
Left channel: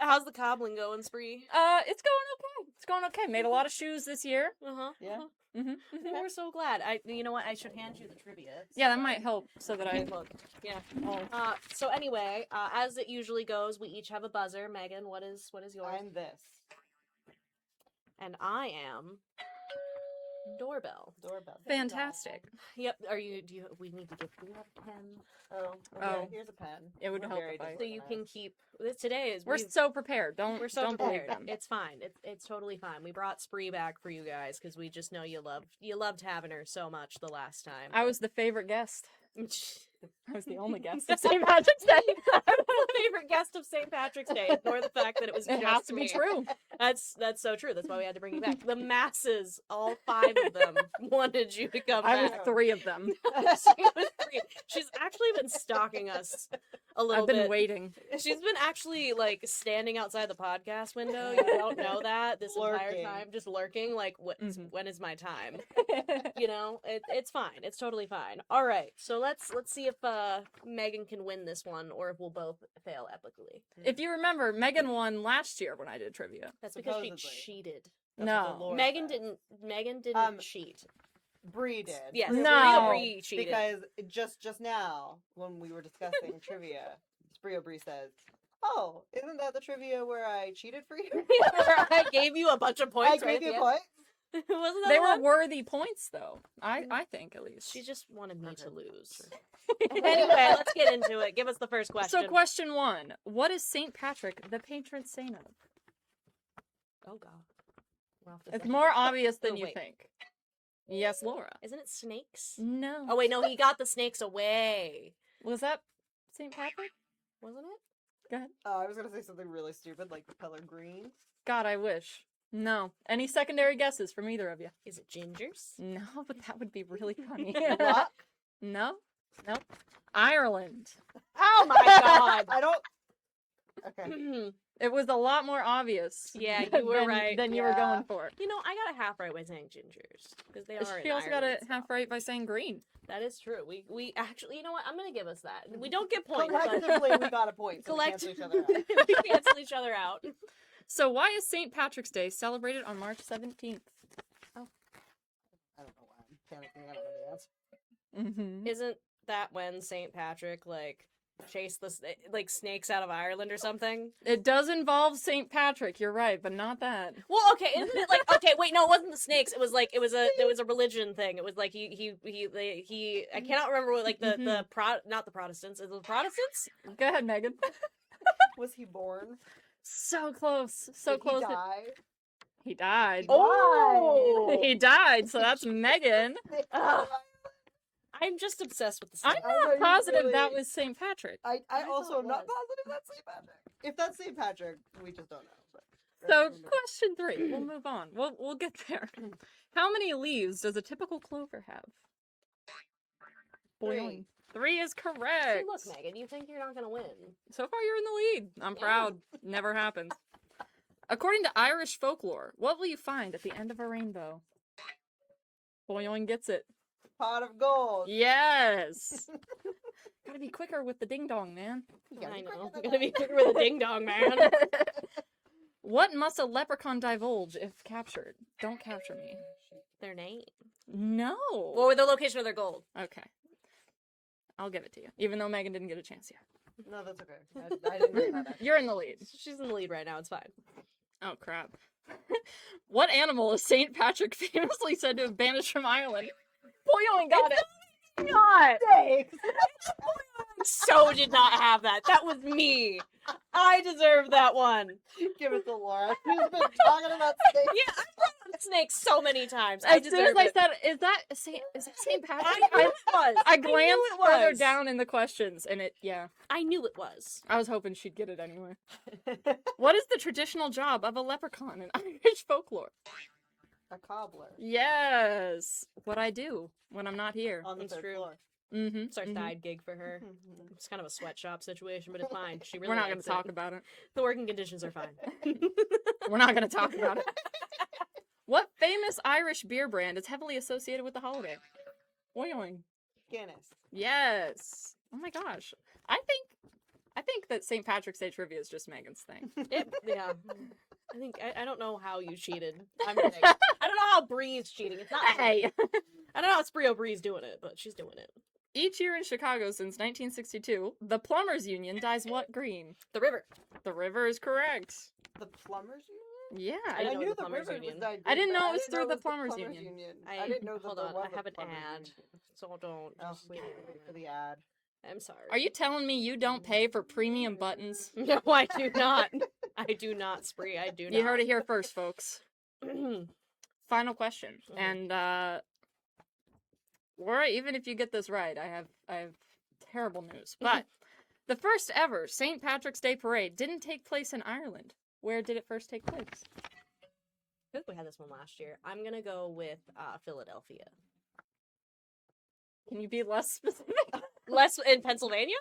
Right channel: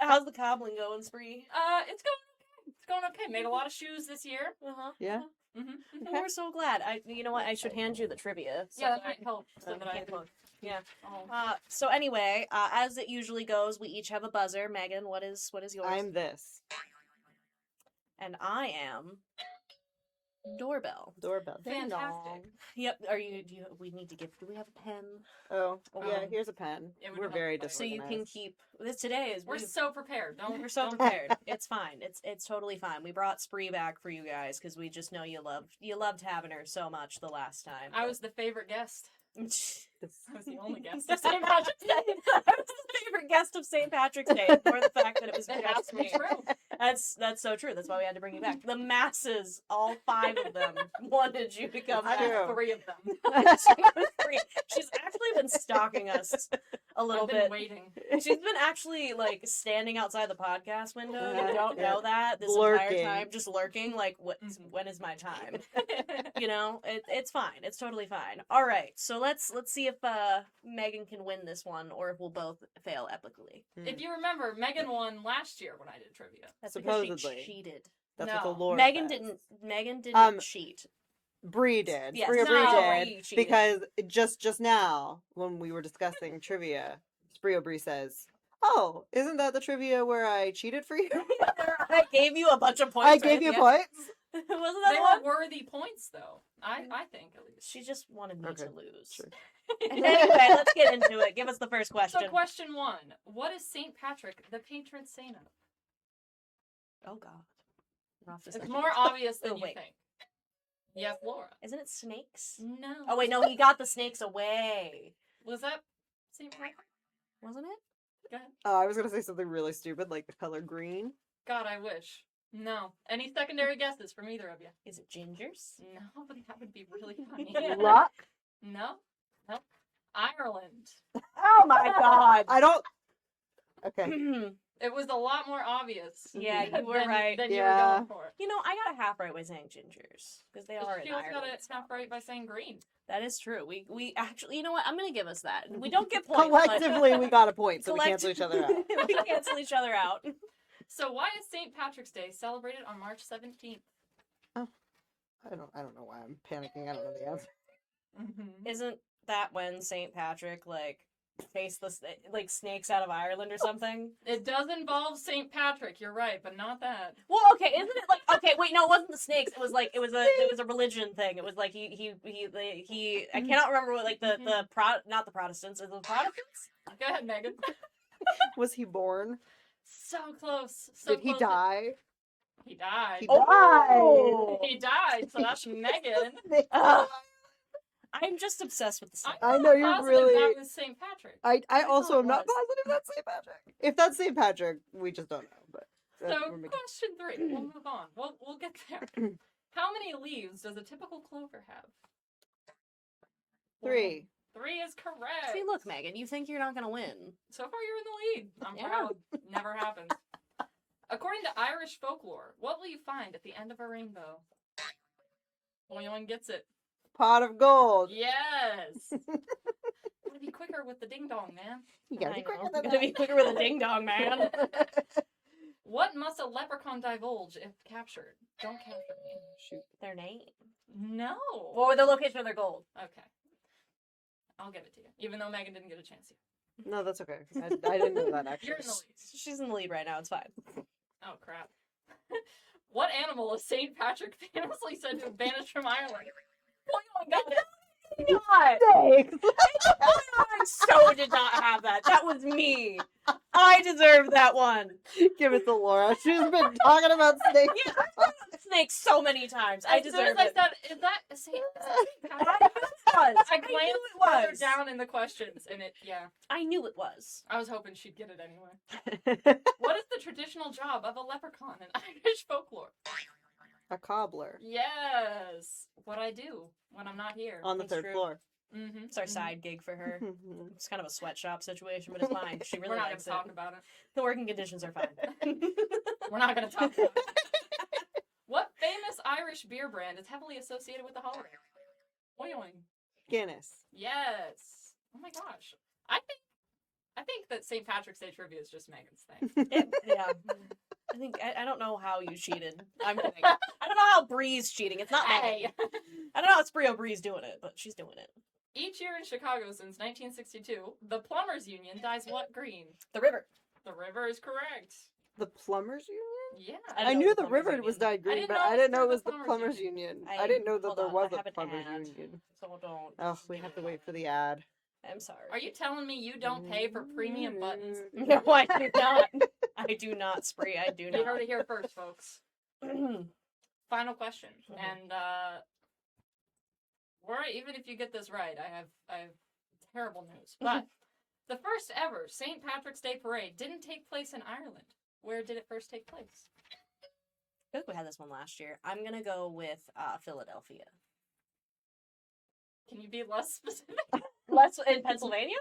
How's the cobbling going, Spree? It's going okay. It's going okay. Made a lot of shoes this year. Yeah. We're so glad. You know what? I should hand you the trivia. Yeah, that might help so that I look. Yeah. Oh. So anyway, as it usually goes, we each have a buzzer. Megan, what is yours? I'm this. And I am doorbell. Doorbell. Fantastic. Yep. We need to do we have a pen? Oh, yeah, Oh. here's a pen. It would We're help very if I- So you can disorganized. keep this today is We're so prepared. we're so don't prepared. blame them. It's fine. It's totally fine. We brought Spree back for you guys because we just know you loved having her so much the last time. I was the favorite guest. I I was the only guest of St. Patrick's Day. I was the favorite guest of St. Patrick's Day, for the fact that it was It just has to be me. true. That's so true. That's why we had to bring you back. The masses, all 5 of them, wanted you to come I back. was 3 of them. She was 3. She's actually been stalking us a little I've been bit. waiting. She's been actually like standing outside the podcast window. You don't know that this Lurking. entire time, just lurking. Like, when is my time? You know, it's fine. It's totally fine. All right, so let's see if Megan can win this one, or if we'll both fail epically. If you remember, Megan won last year when I did trivia. That's because Supposedly. she cheated. That's what No. the Lord Megan says. didn't cheat. Bree did. Yes, Bree no. Aubrey Bree did. cheated. Because just now, when we were discussing trivia, Spree Aubrey says, "Oh, isn't that the trivia where I cheated for you? I gave you a bunch of points. I gave right? you Yeah. points." Wasn't that They the were one? worthy points, though. I think, at least. She just wanted me to Okay, lose. sure. Anyway, let's get into it. Give us the first question. So, question 1. What is St. Patrick the patron saint of? Oh God. We're off to It's St. more obvious than Oh, you wait. think. Yes, Laura. Isn't it snakes? No. Oh wait, no, he got the snakes away. Was that St. Patrick? Wasn't it? Go ahead. I was gonna say something really stupid, like the color green. God, I wish. No. Any secondary guesses from either of you? Is it gingers? No, but that would be really funny. Rock? No. Nope. Ireland. Oh my god. I don't. Okay. It was a lot more obvious. Yeah, you were than, right. Than you Yeah. were going for. You know, I got a half right by saying gingers because they are. She in also got Ireland, it so- half right by saying green. That is true. We actually, you know what? I'm gonna give us that. We don't get points. but- Collectively, we got a point, so we cancel each other out. we cancel each other out. So why is St. Patrick's Day celebrated on March 17th? I don't know why I'm panicking. I don't know the answer. Mm-hmm. Isn't that when St. Patrick chased the snakes out of Ireland or something? It does involve St. Patrick, you're right, but not that. Well, okay, isn't it okay? Wait, no, it wasn't the snakes. It was a religion thing. It was like he I cannot remember what not the Protestants. Is it the Protestants? Go ahead, Megan. Was he born? So close. So Did close. he die? He died. He Oh! He died, so that's Megan. Ugh. I'm just obsessed with the I'm snakes. I not know you're positive that really- was St. Patrick. I I also thought am not it was. positive that's St. Patrick. If that's St. Patrick, we just don't know. But So, we're making- question 3. We'll move on. We'll get there. How many leaves does a typical clover have? 3. 3 is correct. See, look, Megan, you think you're not gonna win? So far, you're in the lead. I'm Yeah. proud. Never happened. According to Irish folklore, what will you find at the end of a rainbow? Boylan gets it. Pot of gold. Yes. Gotta be quicker with the ding dong, man. You gotta I be quicker know. than Gotta be that. quicker with a ding dong, man. What must a leprechaun divulge if captured? Don't capture me. Shoot. Their name. No. What were the location of their gold? Okay. I'll give it to you, even though Megan didn't get a chance yet. No, that's okay. I didn't know that actually. You're in the lead. She's in the lead right now. It's fine. Oh, crap. What animal is St. Patrick famously said to have banished from Ireland? Boylan got it. Not. Thanks. I so did not have that. That was me. I deserve that one. Give it to Laura. She's been talking about snakes. Yeah, I've brought up snakes so many times. I As soon deserve as I it. said, is that St. Patrick? I knew it was. I knew glanced it further was. down in the questions, and I knew it was. I was hoping she'd get it anyway. What is the traditional job of a leprechaun in Irish folklore? A cobbler Yes, what I do when I'm not here. on the That's 3rd true. floor. Mm-hmm. It's our side gig for her. It's kind of a sweatshop situation, but it's fine. She really We're not going likes to talk it. about it. The working conditions are fine. We're not going to talk about it. What famous Irish beer brand is heavily associated with the holiday? Boiling. Guinness. Yes. Oh my gosh. I think that St. Patrick's Day trivia is just Megan's thing. Yeah. I think I don't know how you cheated. I'm kidding. I don't know how Bree's cheating. It's not me. Hey. I don't know how it's Bree's doing it, but she's doing it. Each year in Chicago since 1962, the Plumbers Union dyes what green? The river. The river is correct. The plumbers union? Yeah. I I, didn't know knew the the Plumbers river Union. was dyed I green, didn't but know it I was didn't know through it the was the Plumbers plumbers Union. union. I didn't know that hold there on, was I a have an plumbers ad, union. so don't. Oh, we have to wait for the ad. I'm sorry. Are you telling me you don't pay for premium buttons? No, I do not. I do not, Spree. I do not. You heard it here first, folks. Final question. And Laura, even if you get this right, I have terrible news. But the first ever St. Patrick's Day parade didn't take place in Ireland. Where did it first take place? I think we had this one last year. I'm gonna go with Philadelphia. Can you be less specific? Less in Pennsylvania?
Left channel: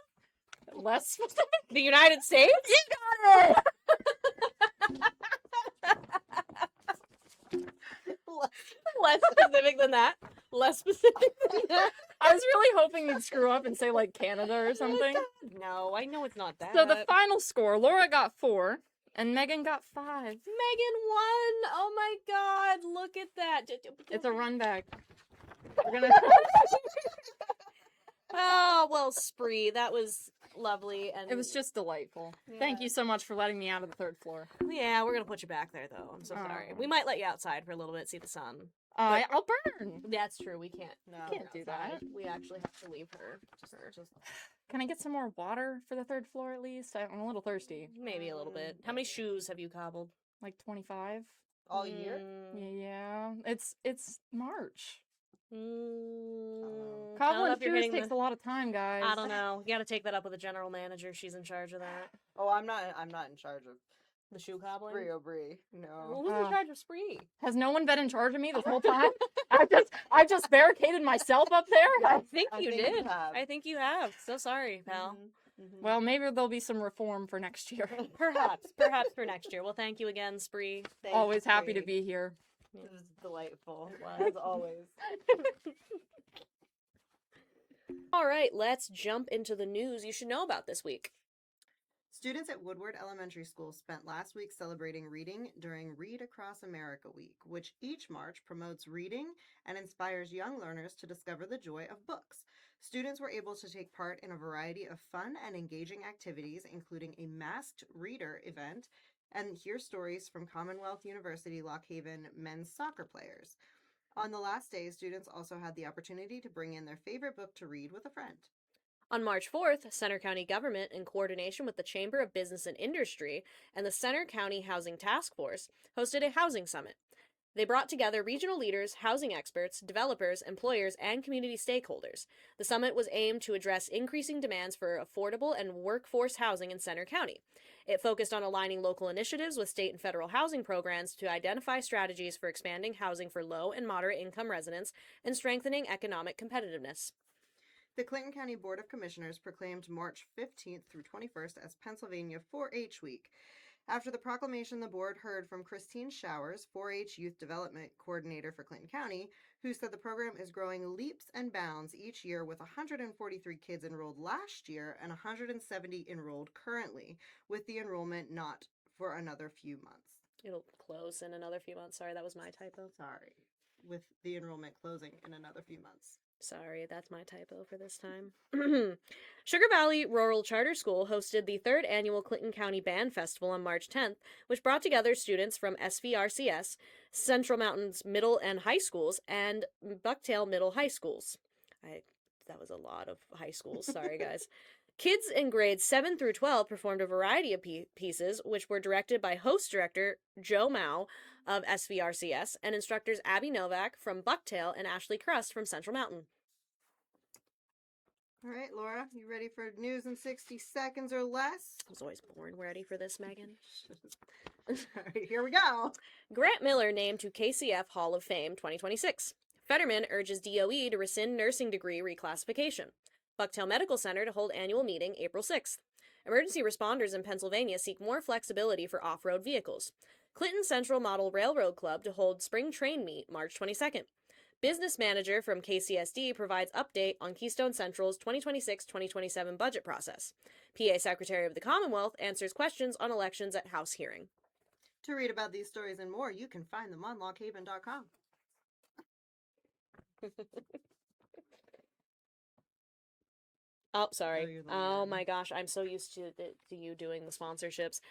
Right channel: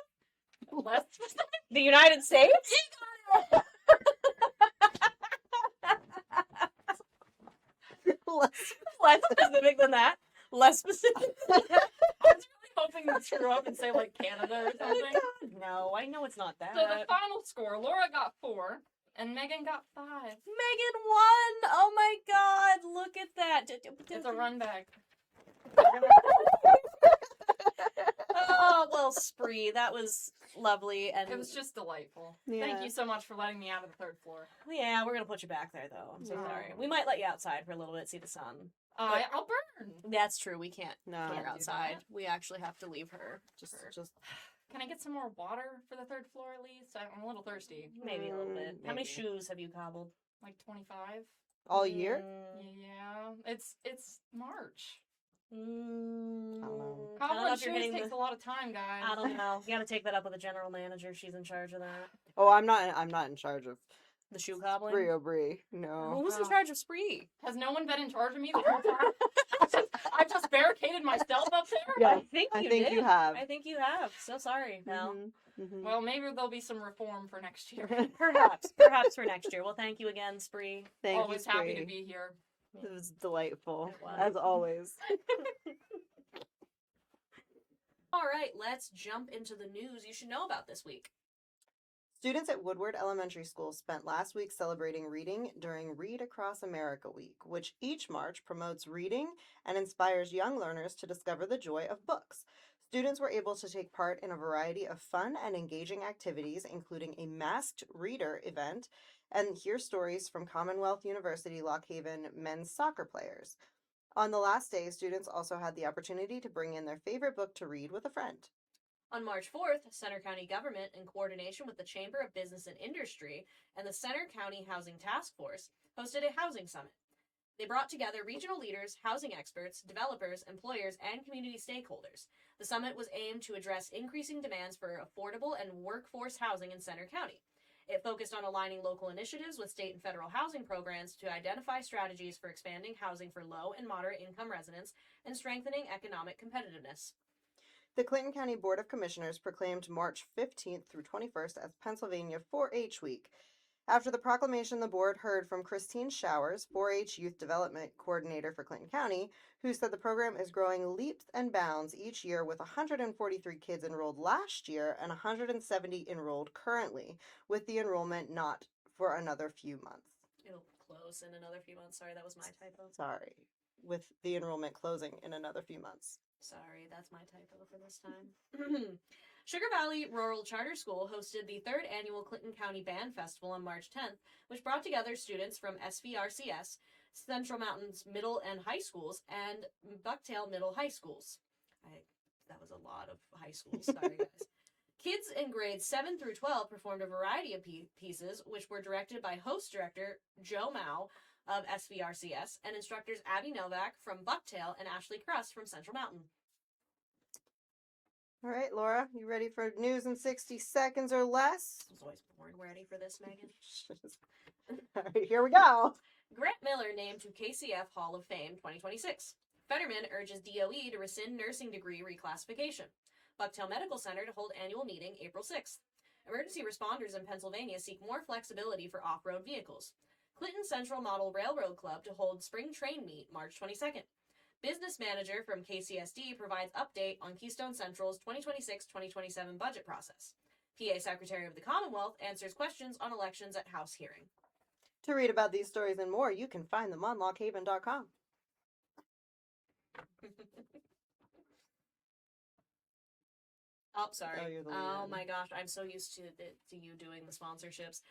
Less specific? The United States? You got it! Less specific than that. Less specific. I was really hoping you'd screw up and say like Canada or something. No, I know it's not that. So the final score, Laura got 4 and Megan got 5. Megan won! Oh my god, look at that. It's a run back. We're gonna... Oh, well, Spree, that was lovely. And It was just delightful. Thank you so much for letting me out of the 3rd floor. Yeah, we're gonna put you back there, though. I'm so sorry. Aw. We might let you outside for a little bit, see the sun. I'll burn. That's true. We can't No, get do outside. that. We actually have to leave her. Just Can I get some more water for the 3rd floor at least? I'm a little thirsty. Maybe a little bit. How many maybe. shoes have you cobbled? Like 25? all year. Mm, Yeah. It's March. I don't know Cobbling if you're shoes hitting takes a lot of time, guys. I don't know. You got to take that up with the general manager. She's in charge of that. Oh, I'm not in charge of The shoe cobbling. Spree O'Bree. No. Who's in Oh. charge of Spree? Has no one been in charge of me this whole time? I just barricaded myself up there? Yeah. I think I you think did. you have. I think you have. So sorry, pal. Mhm. Well, maybe there'll be some reform for next year. Perhaps for next year. Well, thank you again, Spree. Thank you, Always happy to Spree. be here. It was delightful, It was. as always. All right, let's jump into the news you should know about this week. Students at Woodward Elementary School spent last week celebrating reading during Read Across America Week, which each March promotes reading and inspires young learners to discover the joy of books. Students were able to take part in a variety of fun and engaging activities, including a masked reader event, and hear stories from Commonwealth University Lock Haven men's soccer players. On the last day, students also had the opportunity to bring in their favorite book to read with a friend. On March 4th, Center County government, in coordination with the Chamber of Business and Industry and the Center County Housing Task Force, hosted a housing summit. They brought together regional leaders, housing experts, developers, employers, and community stakeholders. The summit was aimed to address increasing demands for affordable and workforce housing in Center County. It focused on aligning local initiatives with state and federal housing programs to identify strategies for expanding housing for low and moderate income residents and strengthening economic competitiveness. The Clinton County Board of Commissioners proclaimed March 15th through 21st as Pennsylvania 4-H Week. After the proclamation, the board heard from Christine Showers, 4-H Youth Development Coordinator for Clinton County, who said the program is growing leaps and bounds each year, with 143 kids enrolled last year and 170 enrolled currently, with the enrollment not for another few months. It'll close in another few months. Sorry, that was my typo. Sorry. With the enrollment closing in another few months. Sorry, that's my typo for this time. Sugar Valley Rural Charter School hosted the 3rd annual Clinton County Band Festival on March 10th, which brought together students from SVRCS, Central Mountains Middle and High Schools, and Bucktail Middle High Schools. That was a lot of high schools. Sorry, guys. Kids in grades 7 through 12 performed a variety of pieces, which were directed by host director Joe Mao of SVRCS and instructors Abby Novak from Bucktail and Ashley Crust from Central Mountain. All right, Laura, you ready for news in 60 seconds or less? I was always born ready for this, Megan. All right, here we go. Grant Miller named to KCF Hall of Fame 2026. Fetterman urges DOE to rescind nursing degree reclassification. Bucktail Medical Center to hold annual meeting April 6th. Emergency responders in Pennsylvania seek more flexibility for off-road vehicles. Clinton Central Model Railroad Club to hold spring train meet March 22nd. Business manager from KCSD provides update on Keystone Central's 2026-2027 budget process. PA Secretary of the Commonwealth answers questions on elections at House hearing. To read about these stories and more, you can find them on lockhaven.com. Oh, sorry. Oh, you're the Oh leader. my gosh, I'm so used to you doing the sponsorships.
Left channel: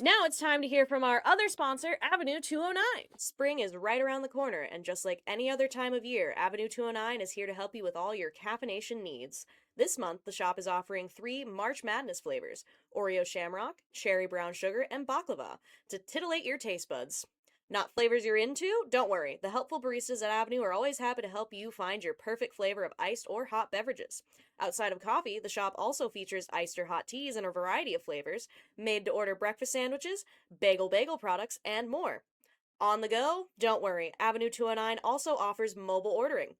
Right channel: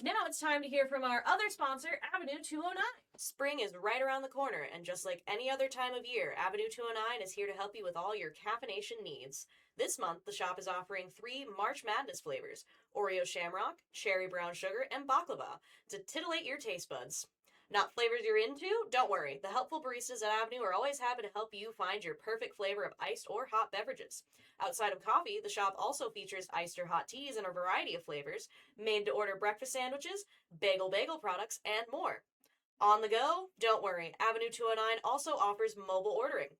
Now it's time to hear from our other sponsor, Avenue 209. Spring is right around the corner, and just like any other time of year, Avenue 209 is here to help you with all your caffeination needs. This month, the shop is offering 3 March Madness flavors, Oreo Shamrock, Cherry Brown Sugar, and Baklava, to titillate your taste buds. Not flavors you're into? Don't worry. The helpful baristas at Avenue are always happy to help you find your perfect flavor of iced or hot beverages. Outside of coffee, the shop also features iced or hot teas in a variety of flavors, made-to-order breakfast sandwiches, bagel products, and more. On the go? Don't worry. Avenue 209 also offers mobile ordering.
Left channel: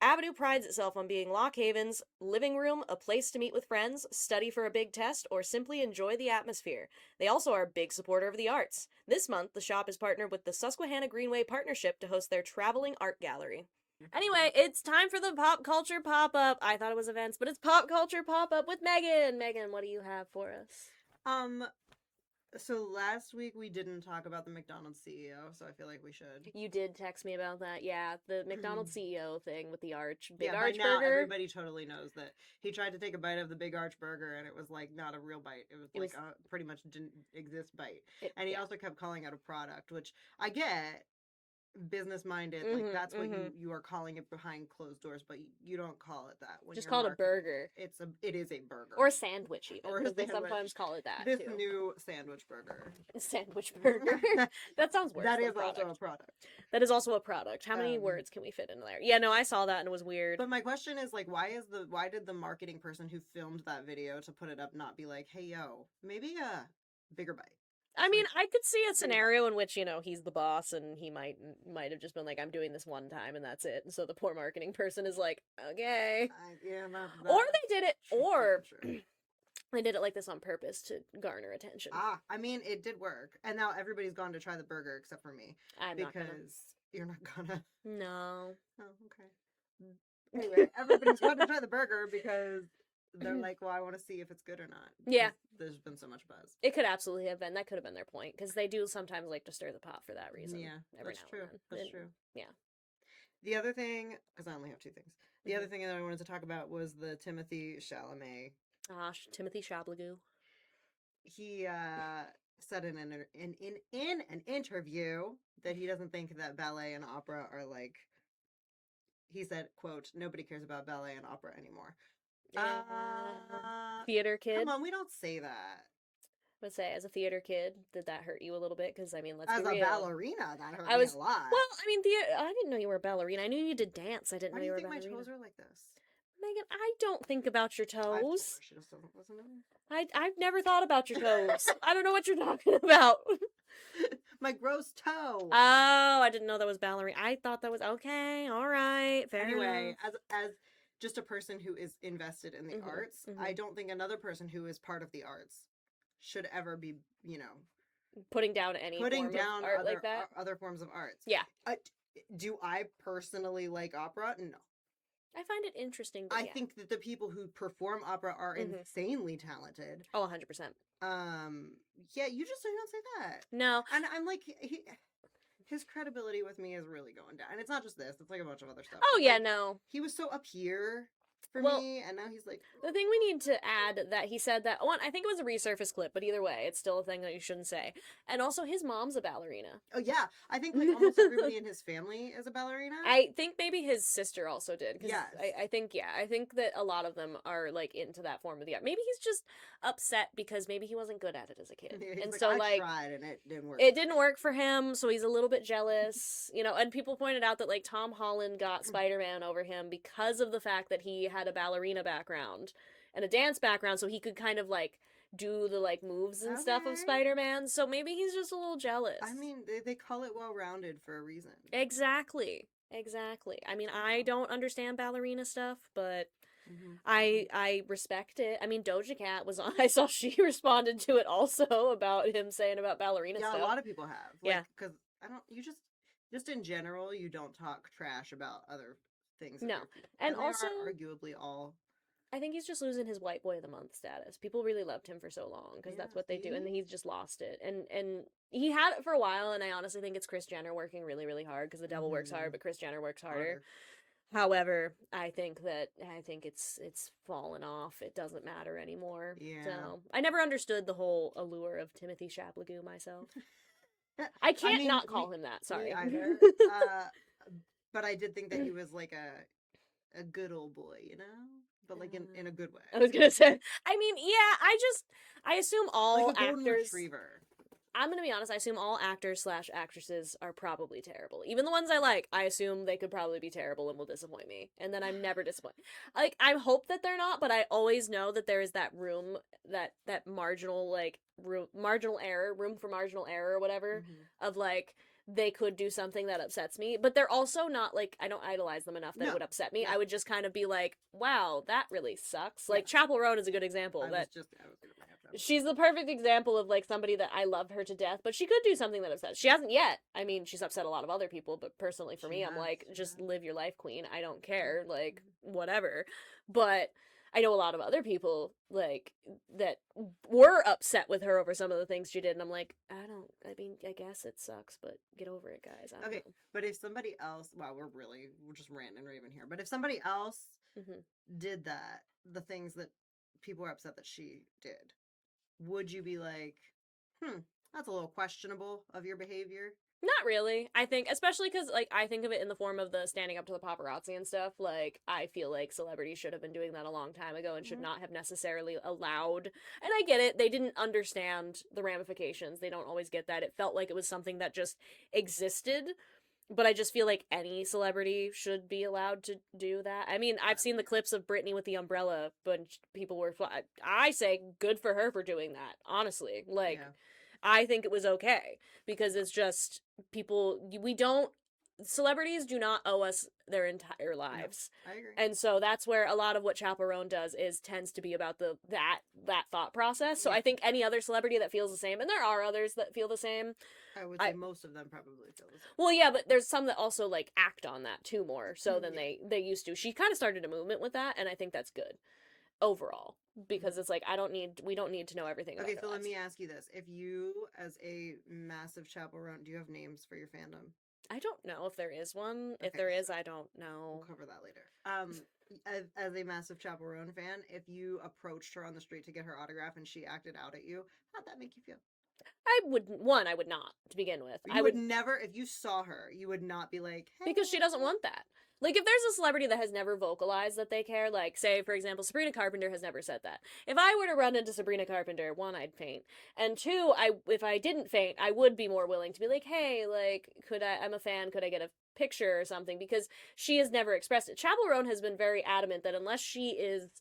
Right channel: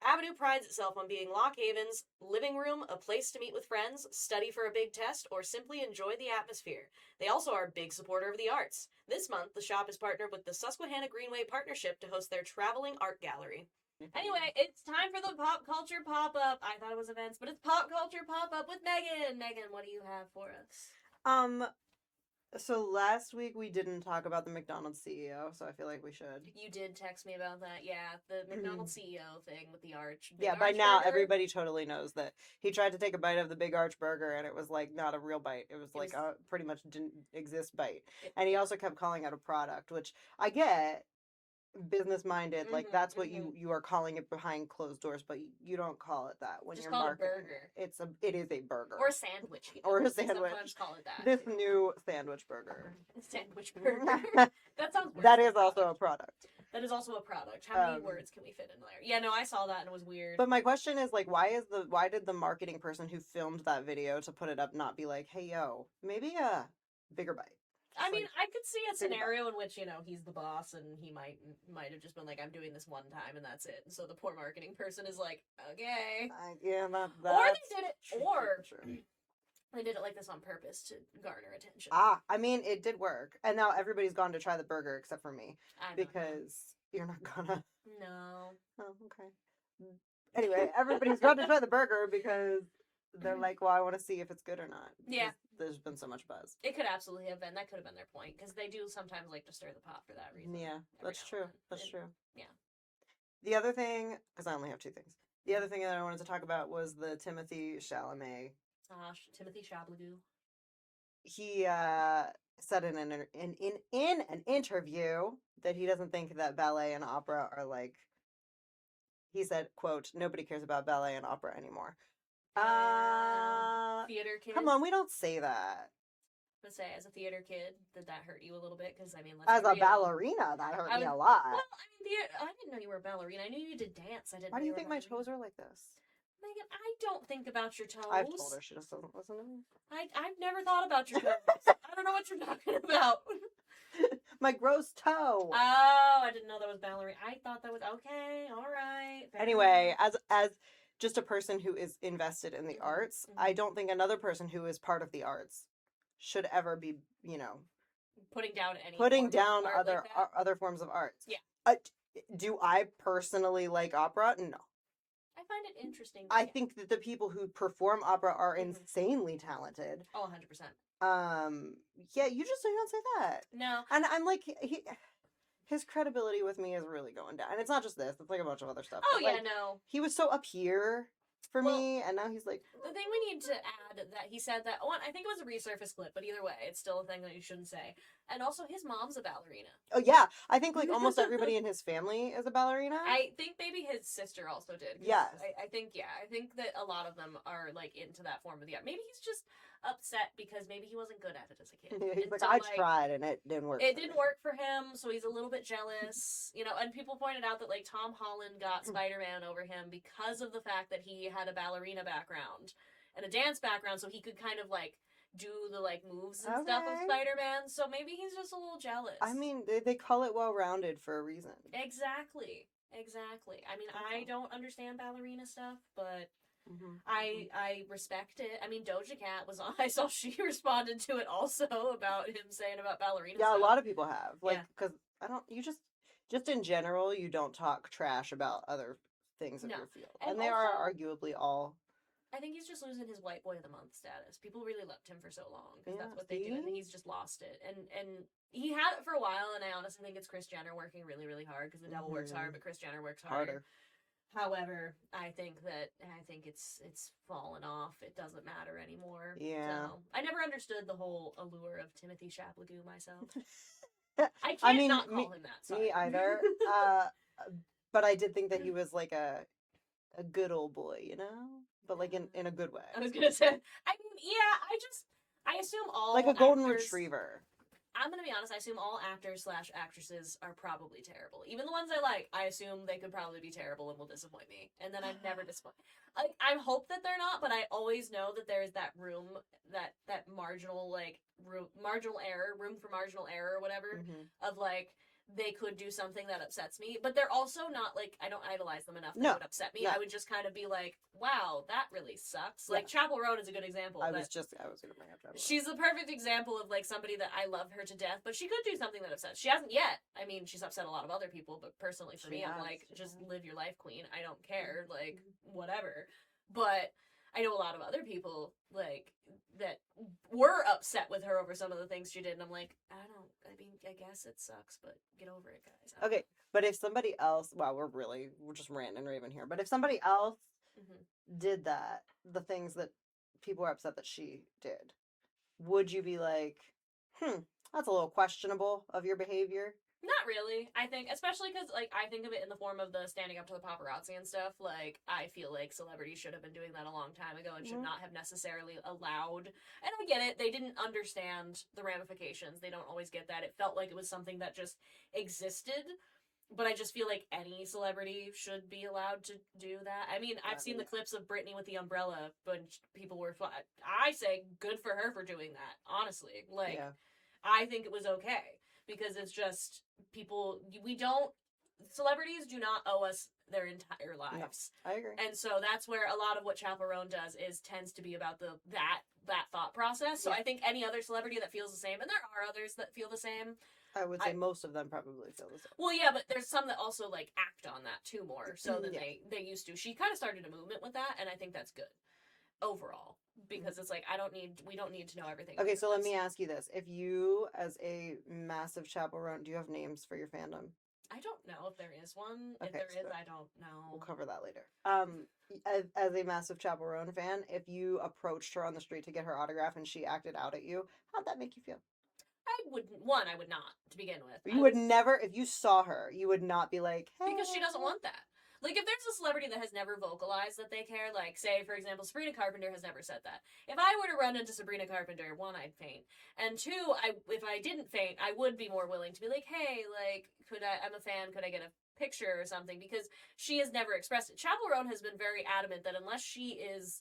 Avenue prides itself on being Lock Haven's living room, a place to meet with friends, study for a big test, or simply enjoy the atmosphere. They also are a big supporter of the arts. This month, the shop is partnered with the Susquehanna Greenway Partnership to host their traveling art gallery. Anyway, it's time for the pop culture pop-up. I thought it was events, but it's pop culture pop-up with Megan. Megan, what do you have for us? So last week we didn't talk about the McDonald's CEO, so I feel like we should. You did text me about that. Yeah, the McDonald's CEO thing with the arch. Big Yeah, by arch now burger. everybody totally knows that he tried to take a bite of the Big Arch burger and it was like not a real bite. It was It like was- a pretty much didn't exist bite. It- And he also kept calling out a product, which I get. business minded. Like Mhm, that's what mhm. you are calling it behind closed doors, but you don't call it that when Just you're call it a marketing burger. it is a burger. Or a sandwich, even. Or a They sandwich. sometimes call it that, This too. new sandwich burger. Sandwich burger. That sounds worse. That than is also a product. product. That is also a product. How many Um, words can we fit in there? Yeah, no, I saw that and it was weird. But my question is like, why did the marketing person who filmed that video to put it up not be like, hey yo, maybe a bigger bite? I Just, mean, like, I could see a bring it back. scenario in which, he's the boss and he might have just been like, I'm doing this one time and that's it. And so the poor marketing person is like, okay. Yeah, Or that's they did it, true, or true. they did it like this on purpose to garner attention. I mean, it did work, and now everybody's gone to try the burger except for me I'm not gonna. because you're not gonna. No. Oh, okay. Anyway, everybody's gone to try the burger because they're like, well, I want to see if it's good or not. Yeah. because There's been so much buzz. It could absolutely have been. That could have been their point because they do sometimes like to stir the pot for that reason. Yeah, every that's now and true. then. That's And- true. yeah. The other thing, because I only have two things. The other thing that I wanted to talk about was the Timothy Chalamet. Timothy Chablagoo. He said in an interview that he doesn't think that ballet and opera are like. He said, "quote Nobody cares about ballet and opera anymore." Theater kid. Come on, we don't say that. Let's say, as a theater kid, did that hurt you a little bit? Because I mean, let's As be a real. ballerina, that hurt I me was- a lot. Well, I mean, I didn't know you were a ballerina. I knew you did dance. I didn't Why know do you you were think a my ballerina. toes are like this? Megan, I don't think about your toes. I've told her she just doesn't listen to me. I've never thought about your toes. I don't know what you're talking about. My gross toe. Oh, I didn't know that was ballerina. I thought that was okay. All right. Fair Anyway, enough. as just a person who is invested in the Mhm, arts, mhm. I don't think another person who is part of the arts should ever be, Putting down any putting form of down art other like that. other forms of arts. Yeah. Do I personally like opera? No. I find it interesting. But I yeah. think that the people who perform opera are Mhm. insanely talented. Oh, 100%. Yeah, you just don't say that. No. And I'm like, his credibility with me is really going down. And it's not just this; it's like a bunch of other stuff. Oh, But, yeah, like, no. he was so up here for Well, me, and now he's like, The thing we need to add that he said that one, I think it was a resurface clip, but either way, it's still a thing that you shouldn't say. And also, his mom's a ballerina. oh yeah, I think like almost everybody in his family is a ballerina. I think maybe his sister also did. 'Cause Yes. I think that a lot of them are like into that form of the art. Maybe he's just upset because maybe he wasn't good at it as a kid, Yeah, he's and like, so I like tried and it didn't work. it for didn't me." work for him, so he's a little bit jealous, and people pointed out that like Tom Holland got Spider-Man over him because of the fact that he had a ballerina background and a dance background, so he could kind of like do the like moves and stuff of Okay. Spider-Man, so maybe he's just a little jealous. I mean, they call it well-rounded for a reason. Exactly. I mean, I don't understand ballerina stuff, but Mhm. I respect it. I mean, Doja Cat was on. I saw she responded to it also about him saying about ballerina Yeah, stuff. a lot of people have. Like, Yeah. because I don't. You just in general, you don't talk trash about other things in No. your field, And and they also- are arguably all. I think he's just losing his white boy of the month status. People really loved him for so long because that's Yeah, what they do, and see? he's just lost it. And he had it for a while, and I honestly think it's Kris Jenner working really, really hard because the devil works hard, Mhm. but Kris Jenner works harder. However, I think it's fallen off. It doesn't matter anymore. Yeah. So I never understood the whole allure of Timothy Chapligoo myself. I can't mean, not call him that. Sorry. Me either. But I did think that he was like a good old boy, but like in a good way, I was gonna say. I mean, yeah. I assume all like a golden actors. retriever. I'm gonna be honest. I assume all actors/actresses are probably terrible. Even the ones I like, I assume they could probably be terrible and will disappoint me. And then I'm never disappointed. Like I hope that they're not, but I always know that there is that room, that marginal marginal error, room for marginal error or whatever, Mhm. of like they could do something that upsets me. But they're also not like I don't idolize them enough that No. it would upset me. No. I would just kind of be like, wow, that really sucks. Like Chapel Roan is a good example. I that was gonna bring up Travis. She's the perfect example of like somebody that I love her to death, but she could do something that upsets. She hasn't yet. I mean, she's upset a lot of other people, but personally for She me, I'm has, like, she just has. live your life, queen. I don't care, like whatever. But I know a lot of other people like that were upset with her over some of the things she did, and I'm like, I mean, I guess it sucks, but get over it, guys. I don't Okay, but if somebody else, wow, we're just ranting and raving here. But if somebody else know. Mhm. did the things that people are upset that she did, would you be like, that's a little questionable of your behavior? Not really. I think, especially because, like, I think of it in the form of the standing up to the paparazzi and stuff. Like, I feel like celebrities should have been doing that a long time ago and should not have necessarily allowed. And I get it. They didn't understand the ramifications. They don't always get that. It felt like it was something that just existed. But I just feel like any celebrity should be allowed to do that. I mean, I've seen the clips of Britney with the umbrella, but people were. I say good for her for doing that, honestly. Like, Yeah. I think it was okay because it's just people we don't celebrities do not owe us their entire lives. I agree. And so that's where a lot of what Chaperone does is tends to be about that thought process. So Yeah. I think any other celebrity that feels the same, and there are others that feel the same. I would say most of them probably feel the same. Well, yeah, but there's some that also like act on that too more so than Yeah. they used to. She kind of started a movement with that, and I think that's good overall because it's like we don't need to know everything. Okay, about so our let me lives. ask you this: if you, as a massive chaperone, do you have names for your fandom? I don't know if there is one. If Okay, there is, so I don't know. We'll cover that later. As a massive chaperone fan, if you approached her on the street to get her autograph and she acted out at you, how'd that make you feel? I would not to begin with. You would never, if you saw her, you would not be like, hey. because she doesn't want that. Like if there's a celebrity that has never vocalized that they care, like say for example Sabrina Carpenter has never said that. If I were to run into Sabrina Carpenter, one, I'd faint, and two, if I didn't faint, I would be more willing to be like, hey, like I'm a fan, could I get a picture or something, because she has never expressed it. Chaperone has been very adamant that unless she is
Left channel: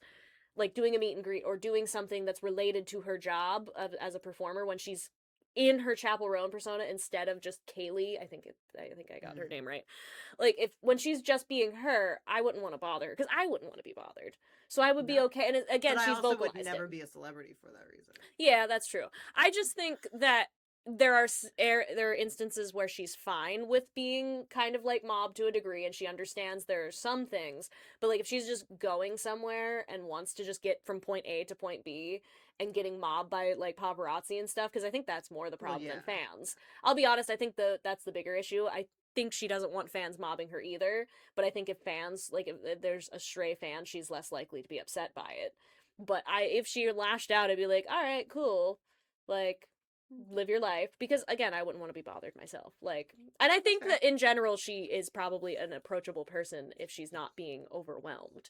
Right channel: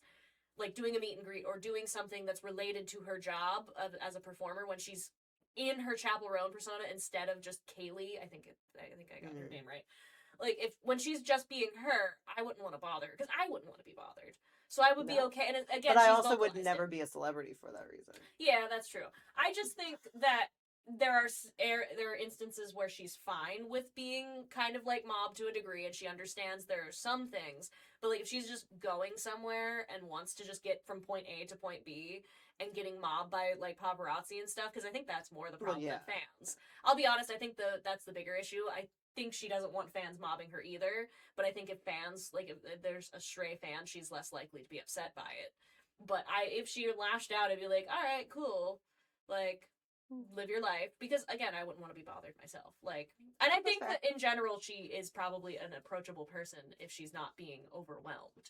like doing a meet and greet or doing something that's related to her job as a performer when she's in her Chaperone persona instead of just Kaylee, I think I got her name right. Like when she's just being her, I wouldn't want to bother her because I wouldn't want to be bothered. So I would be okay. And again, but she's I also would vocalized never it. be a celebrity for that reason. Yeah, that's true. I just think that there are instances where she's fine with being kind of like mobbed to a degree, and she understands there are some things. But like if she's just going somewhere and wants to just get from point A to point B and getting mobbed by like paparazzi and stuff, because I think that's more the problem than fans. I'll be honest, I think that's the bigger issue. I think she doesn't want fans mobbing her either, but I think if fans like if there's a stray fan, she's less likely to be upset by it. But if she lashed out, I'd be like, all right, cool, like live your life, because again I wouldn't want to be bothered myself, like, and I think that in general she is probably an approachable person if she's not being overwhelmed,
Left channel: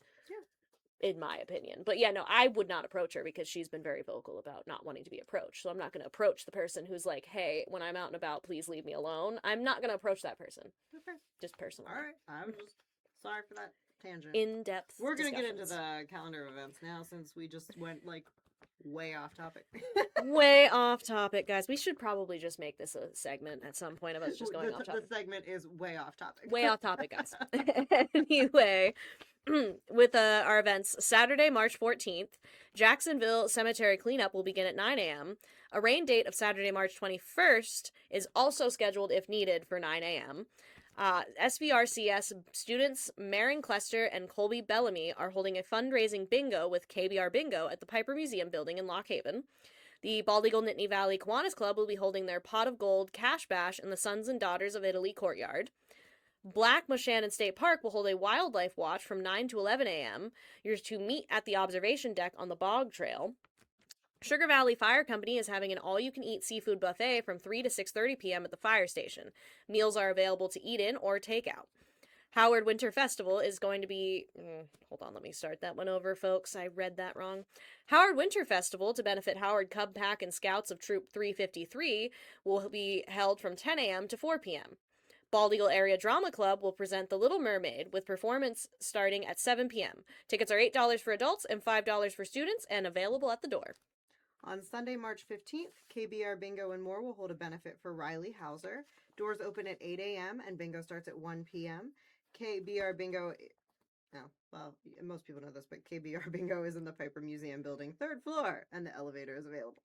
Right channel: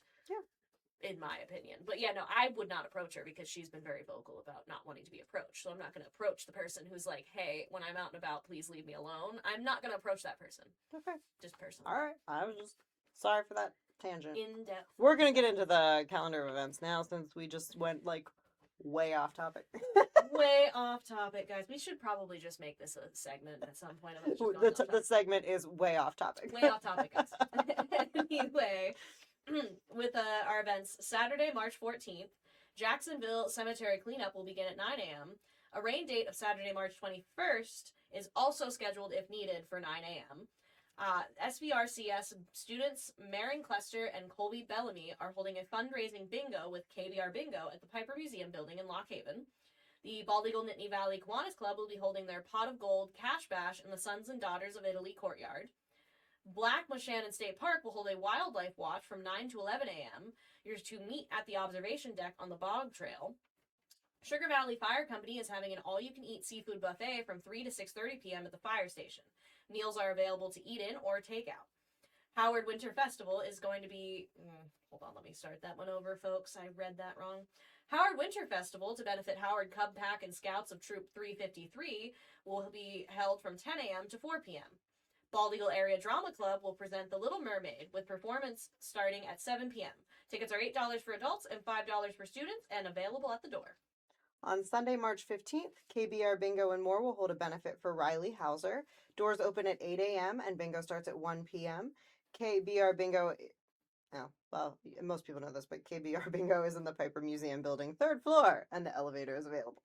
in my opinion. But yeah, no, I would not approach her because she's been very vocal about not wanting to be approached. So I'm not going to approach the person who's like, hey, when I'm out and about, please leave me alone. I'm not going to approach that person. Okay. Just personally. All right. I was just sorry for that tangent. In-depth. We're going to get into the calendar of events now since we just went like way off topic. Way off topic, guys. We should probably just make this a segment at some point of us just going off topic. The segment is way off topic. Way off topic, guys. Anyway, with our events, Saturday, March 14th, Jacksonville Cemetery Cleanup will begin at 9 a.m. A rain date of Saturday, March 21st is also scheduled if needed for 9 a.m. SVRCS students Marin Clester and Colby Bellamy are holding a fundraising bingo with KBR Bingo at the Piper Museum building in Lock Haven. The Bald Eagle Nittany Valley Kiwanis Club will be holding their Pot of Gold Cash Bash in the Sons and Daughters of Italy courtyard. Black Moshannon State Park will hold a wildlife watch from 9 to 11 a.m. You're to meet at the observation deck on the Bog Trail. Sugar Valley Fire Company is having an all-you-can-eat seafood buffet from 3 to 6:30 p.m. at the fire station. Meals are available to eat in or take out. Howard Winter Festival is going to be... hold on, let me start that one over, folks. I read that wrong. Howard Winter Festival, to benefit Howard Cub Pack and Scouts of Troop 353, will be held from 10 a.m. to 4 p.m. Bald Eagle Area Drama Club will present The Little Mermaid with performance starting at 7 p.m. Tickets are $8 for adults and $5 for students and available at the door. On Sunday, March 15th, KBR Bingo and More will hold a benefit for Riley Hauser. Doors open at 8 a.m. and bingo starts at 1 p.m. KBR Bingo, well, most people know this, but KBR Bingo is in the Piper Museum building, 3rd floor, and the elevator is available.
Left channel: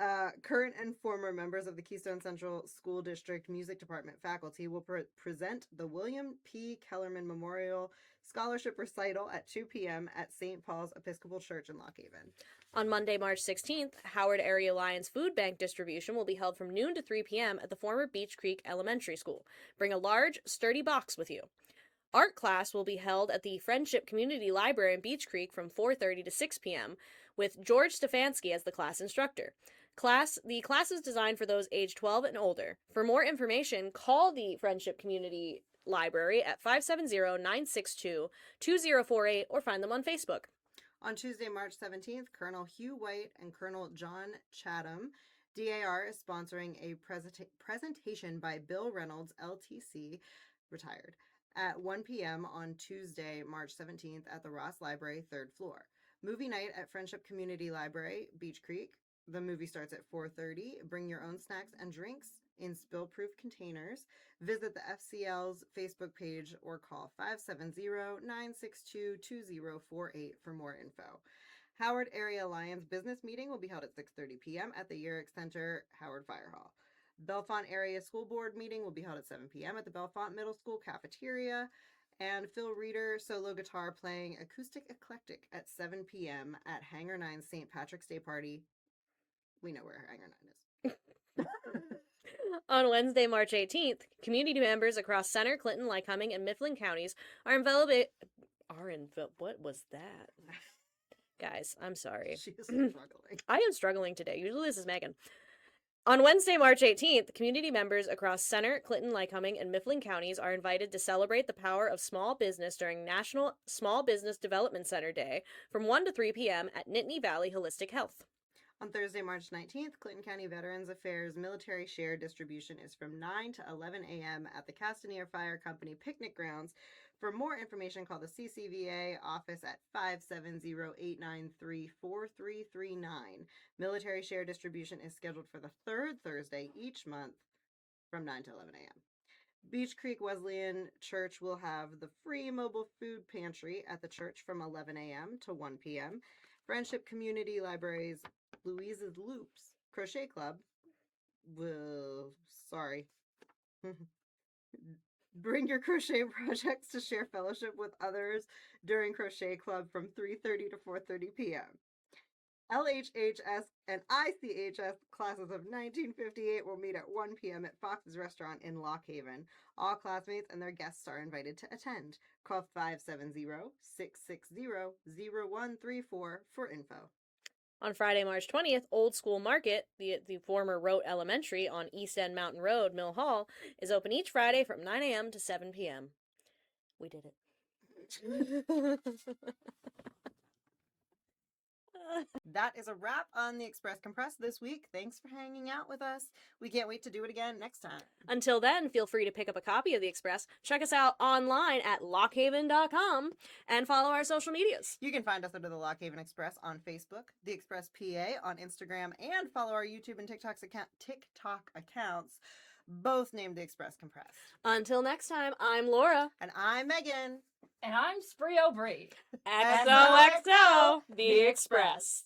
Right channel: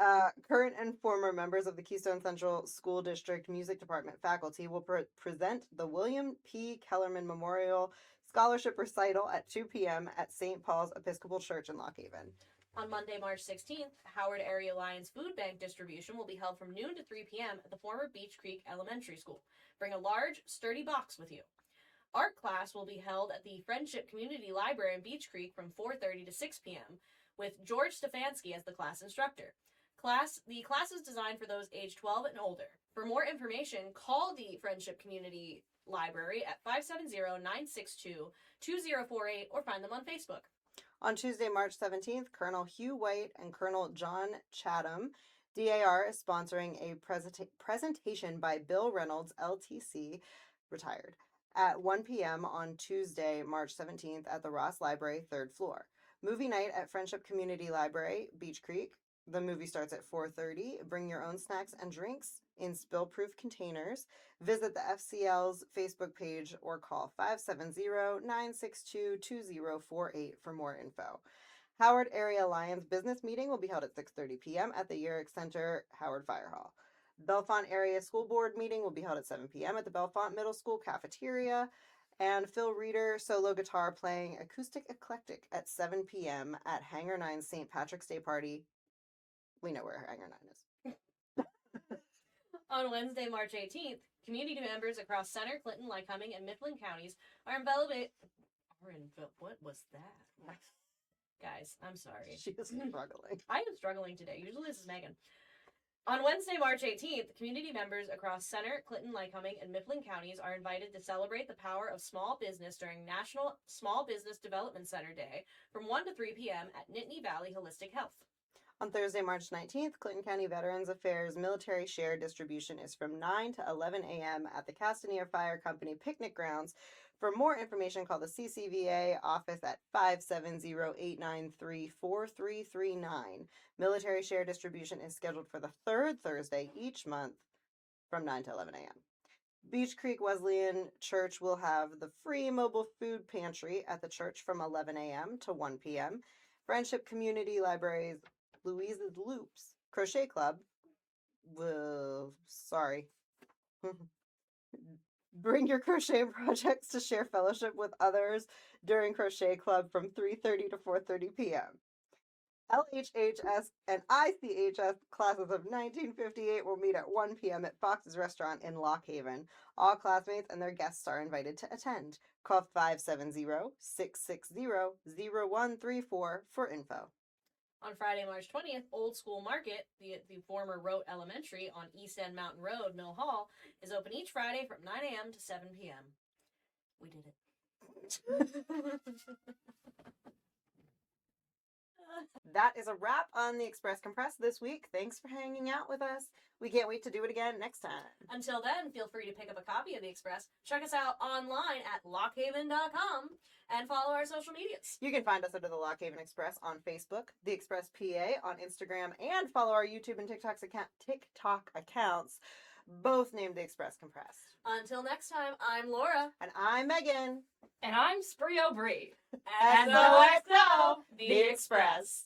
Current and former members of the Keystone Central School District Music Department faculty will present the William P. Kellerman Memorial Scholarship Recital at 2 p.m. at St. Paul's Episcopal Church in Lock Haven. On Monday, March 16th, Howard Area Lions Food Bank distribution will be held from noon to 3 p.m. at the former Beech Creek Elementary School. Bring a large, sturdy box with you. Art class will be held at the Friendship Community Library in Beech Creek from 4:30 to 6 p.m. with George Stefanski as the class instructor. The class is designed for those age 12 and older. For more information, call the Friendship Community Library at 570-962-2048 or find them on Facebook. On Tuesday, March 17th, Colonel Hugh White and Colonel John Chatham, DAR, is sponsoring a presentation by Bill Reynolds, LTC, retired, at 1 p.m. on Tuesday, March 17th at the Ross Library, 3rd floor. Movie night at Friendship Community Library, Beach Creek. The movie starts at 4:30. Bring your own snacks and drinks in spill-proof containers. Visit the FCL's Facebook page or call 570-962-2048 for more info. Howard Area Alliance business meeting will be held at 6:30 p.m. at the Yerrick Center, Howard Fire Hall. Bellefonte Area School Board meeting will be held at 7 p.m. at the Bellefonte Middle School cafeteria. And Phil Reeder solo guitar playing Acoustic Eclectic at 7 p.m. at Hangar 9's St. Patrick's Day party. We know where Hangar 9 is. On Wednesday, March 18th, community members across Center, Clinton, Lycoming, and Mifflin counties what was that? Guys, I'm sorry. She is struggling. I am struggling today. Usually this is Megan. On Wednesday, March 18th, community members across Center, Clinton, Lycoming, and Mifflin counties are invited to celebrate the power of small business during National Small Business Development Center Day from 1 to 3 p.m. at Nittany Valley Holistic Health. On Thursday, March 19th, Clinton County Veterans Affairs military share distribution is from 9 to 11 a.m. at the Castaneer Fire Company picnic grounds. For more information, call the CCVA office at 570-893-4339. Military share distribution is scheduled for the third Thursday each month from 9 to 11 a.m. Beach Creek Wesleyan Church will have the free mobile food pantry at the church from 11 a.m. to 1 p.m. Friendship Community Library's Louise's Loops Crochet Club bring your crochet projects to share fellowship with others during Crochet Club from 3:30 to 4:30 p.m. LHHS and ICHS classes of 1958 will meet at 1 p.m. at Fox's Restaurant in Lock Haven. All classmates and their guests are invited to attend. Call 570-660-0134 for info. On Friday, March 20th, Old School Market, the former Rote Elementary on East End Mountain Road, Mill Hall, is open each Friday from 9 a.m. to 7 p.m. We did it. That is a wrap on the Express Compress this week. Thanks for hanging out with us. We can't wait to do it again next time. Until then, feel free to pick up a copy of the Express. Check us out online at lockhaven.com and follow our social medias. You can find us under the Lock Haven Express on Facebook, the Express PA on Instagram, and follow our YouTube and TikTok accounts, both named the Express Compress. Until next time, I'm Laura. And I'm Megan. And I'm Spree O'Bree. XOXO, the Express.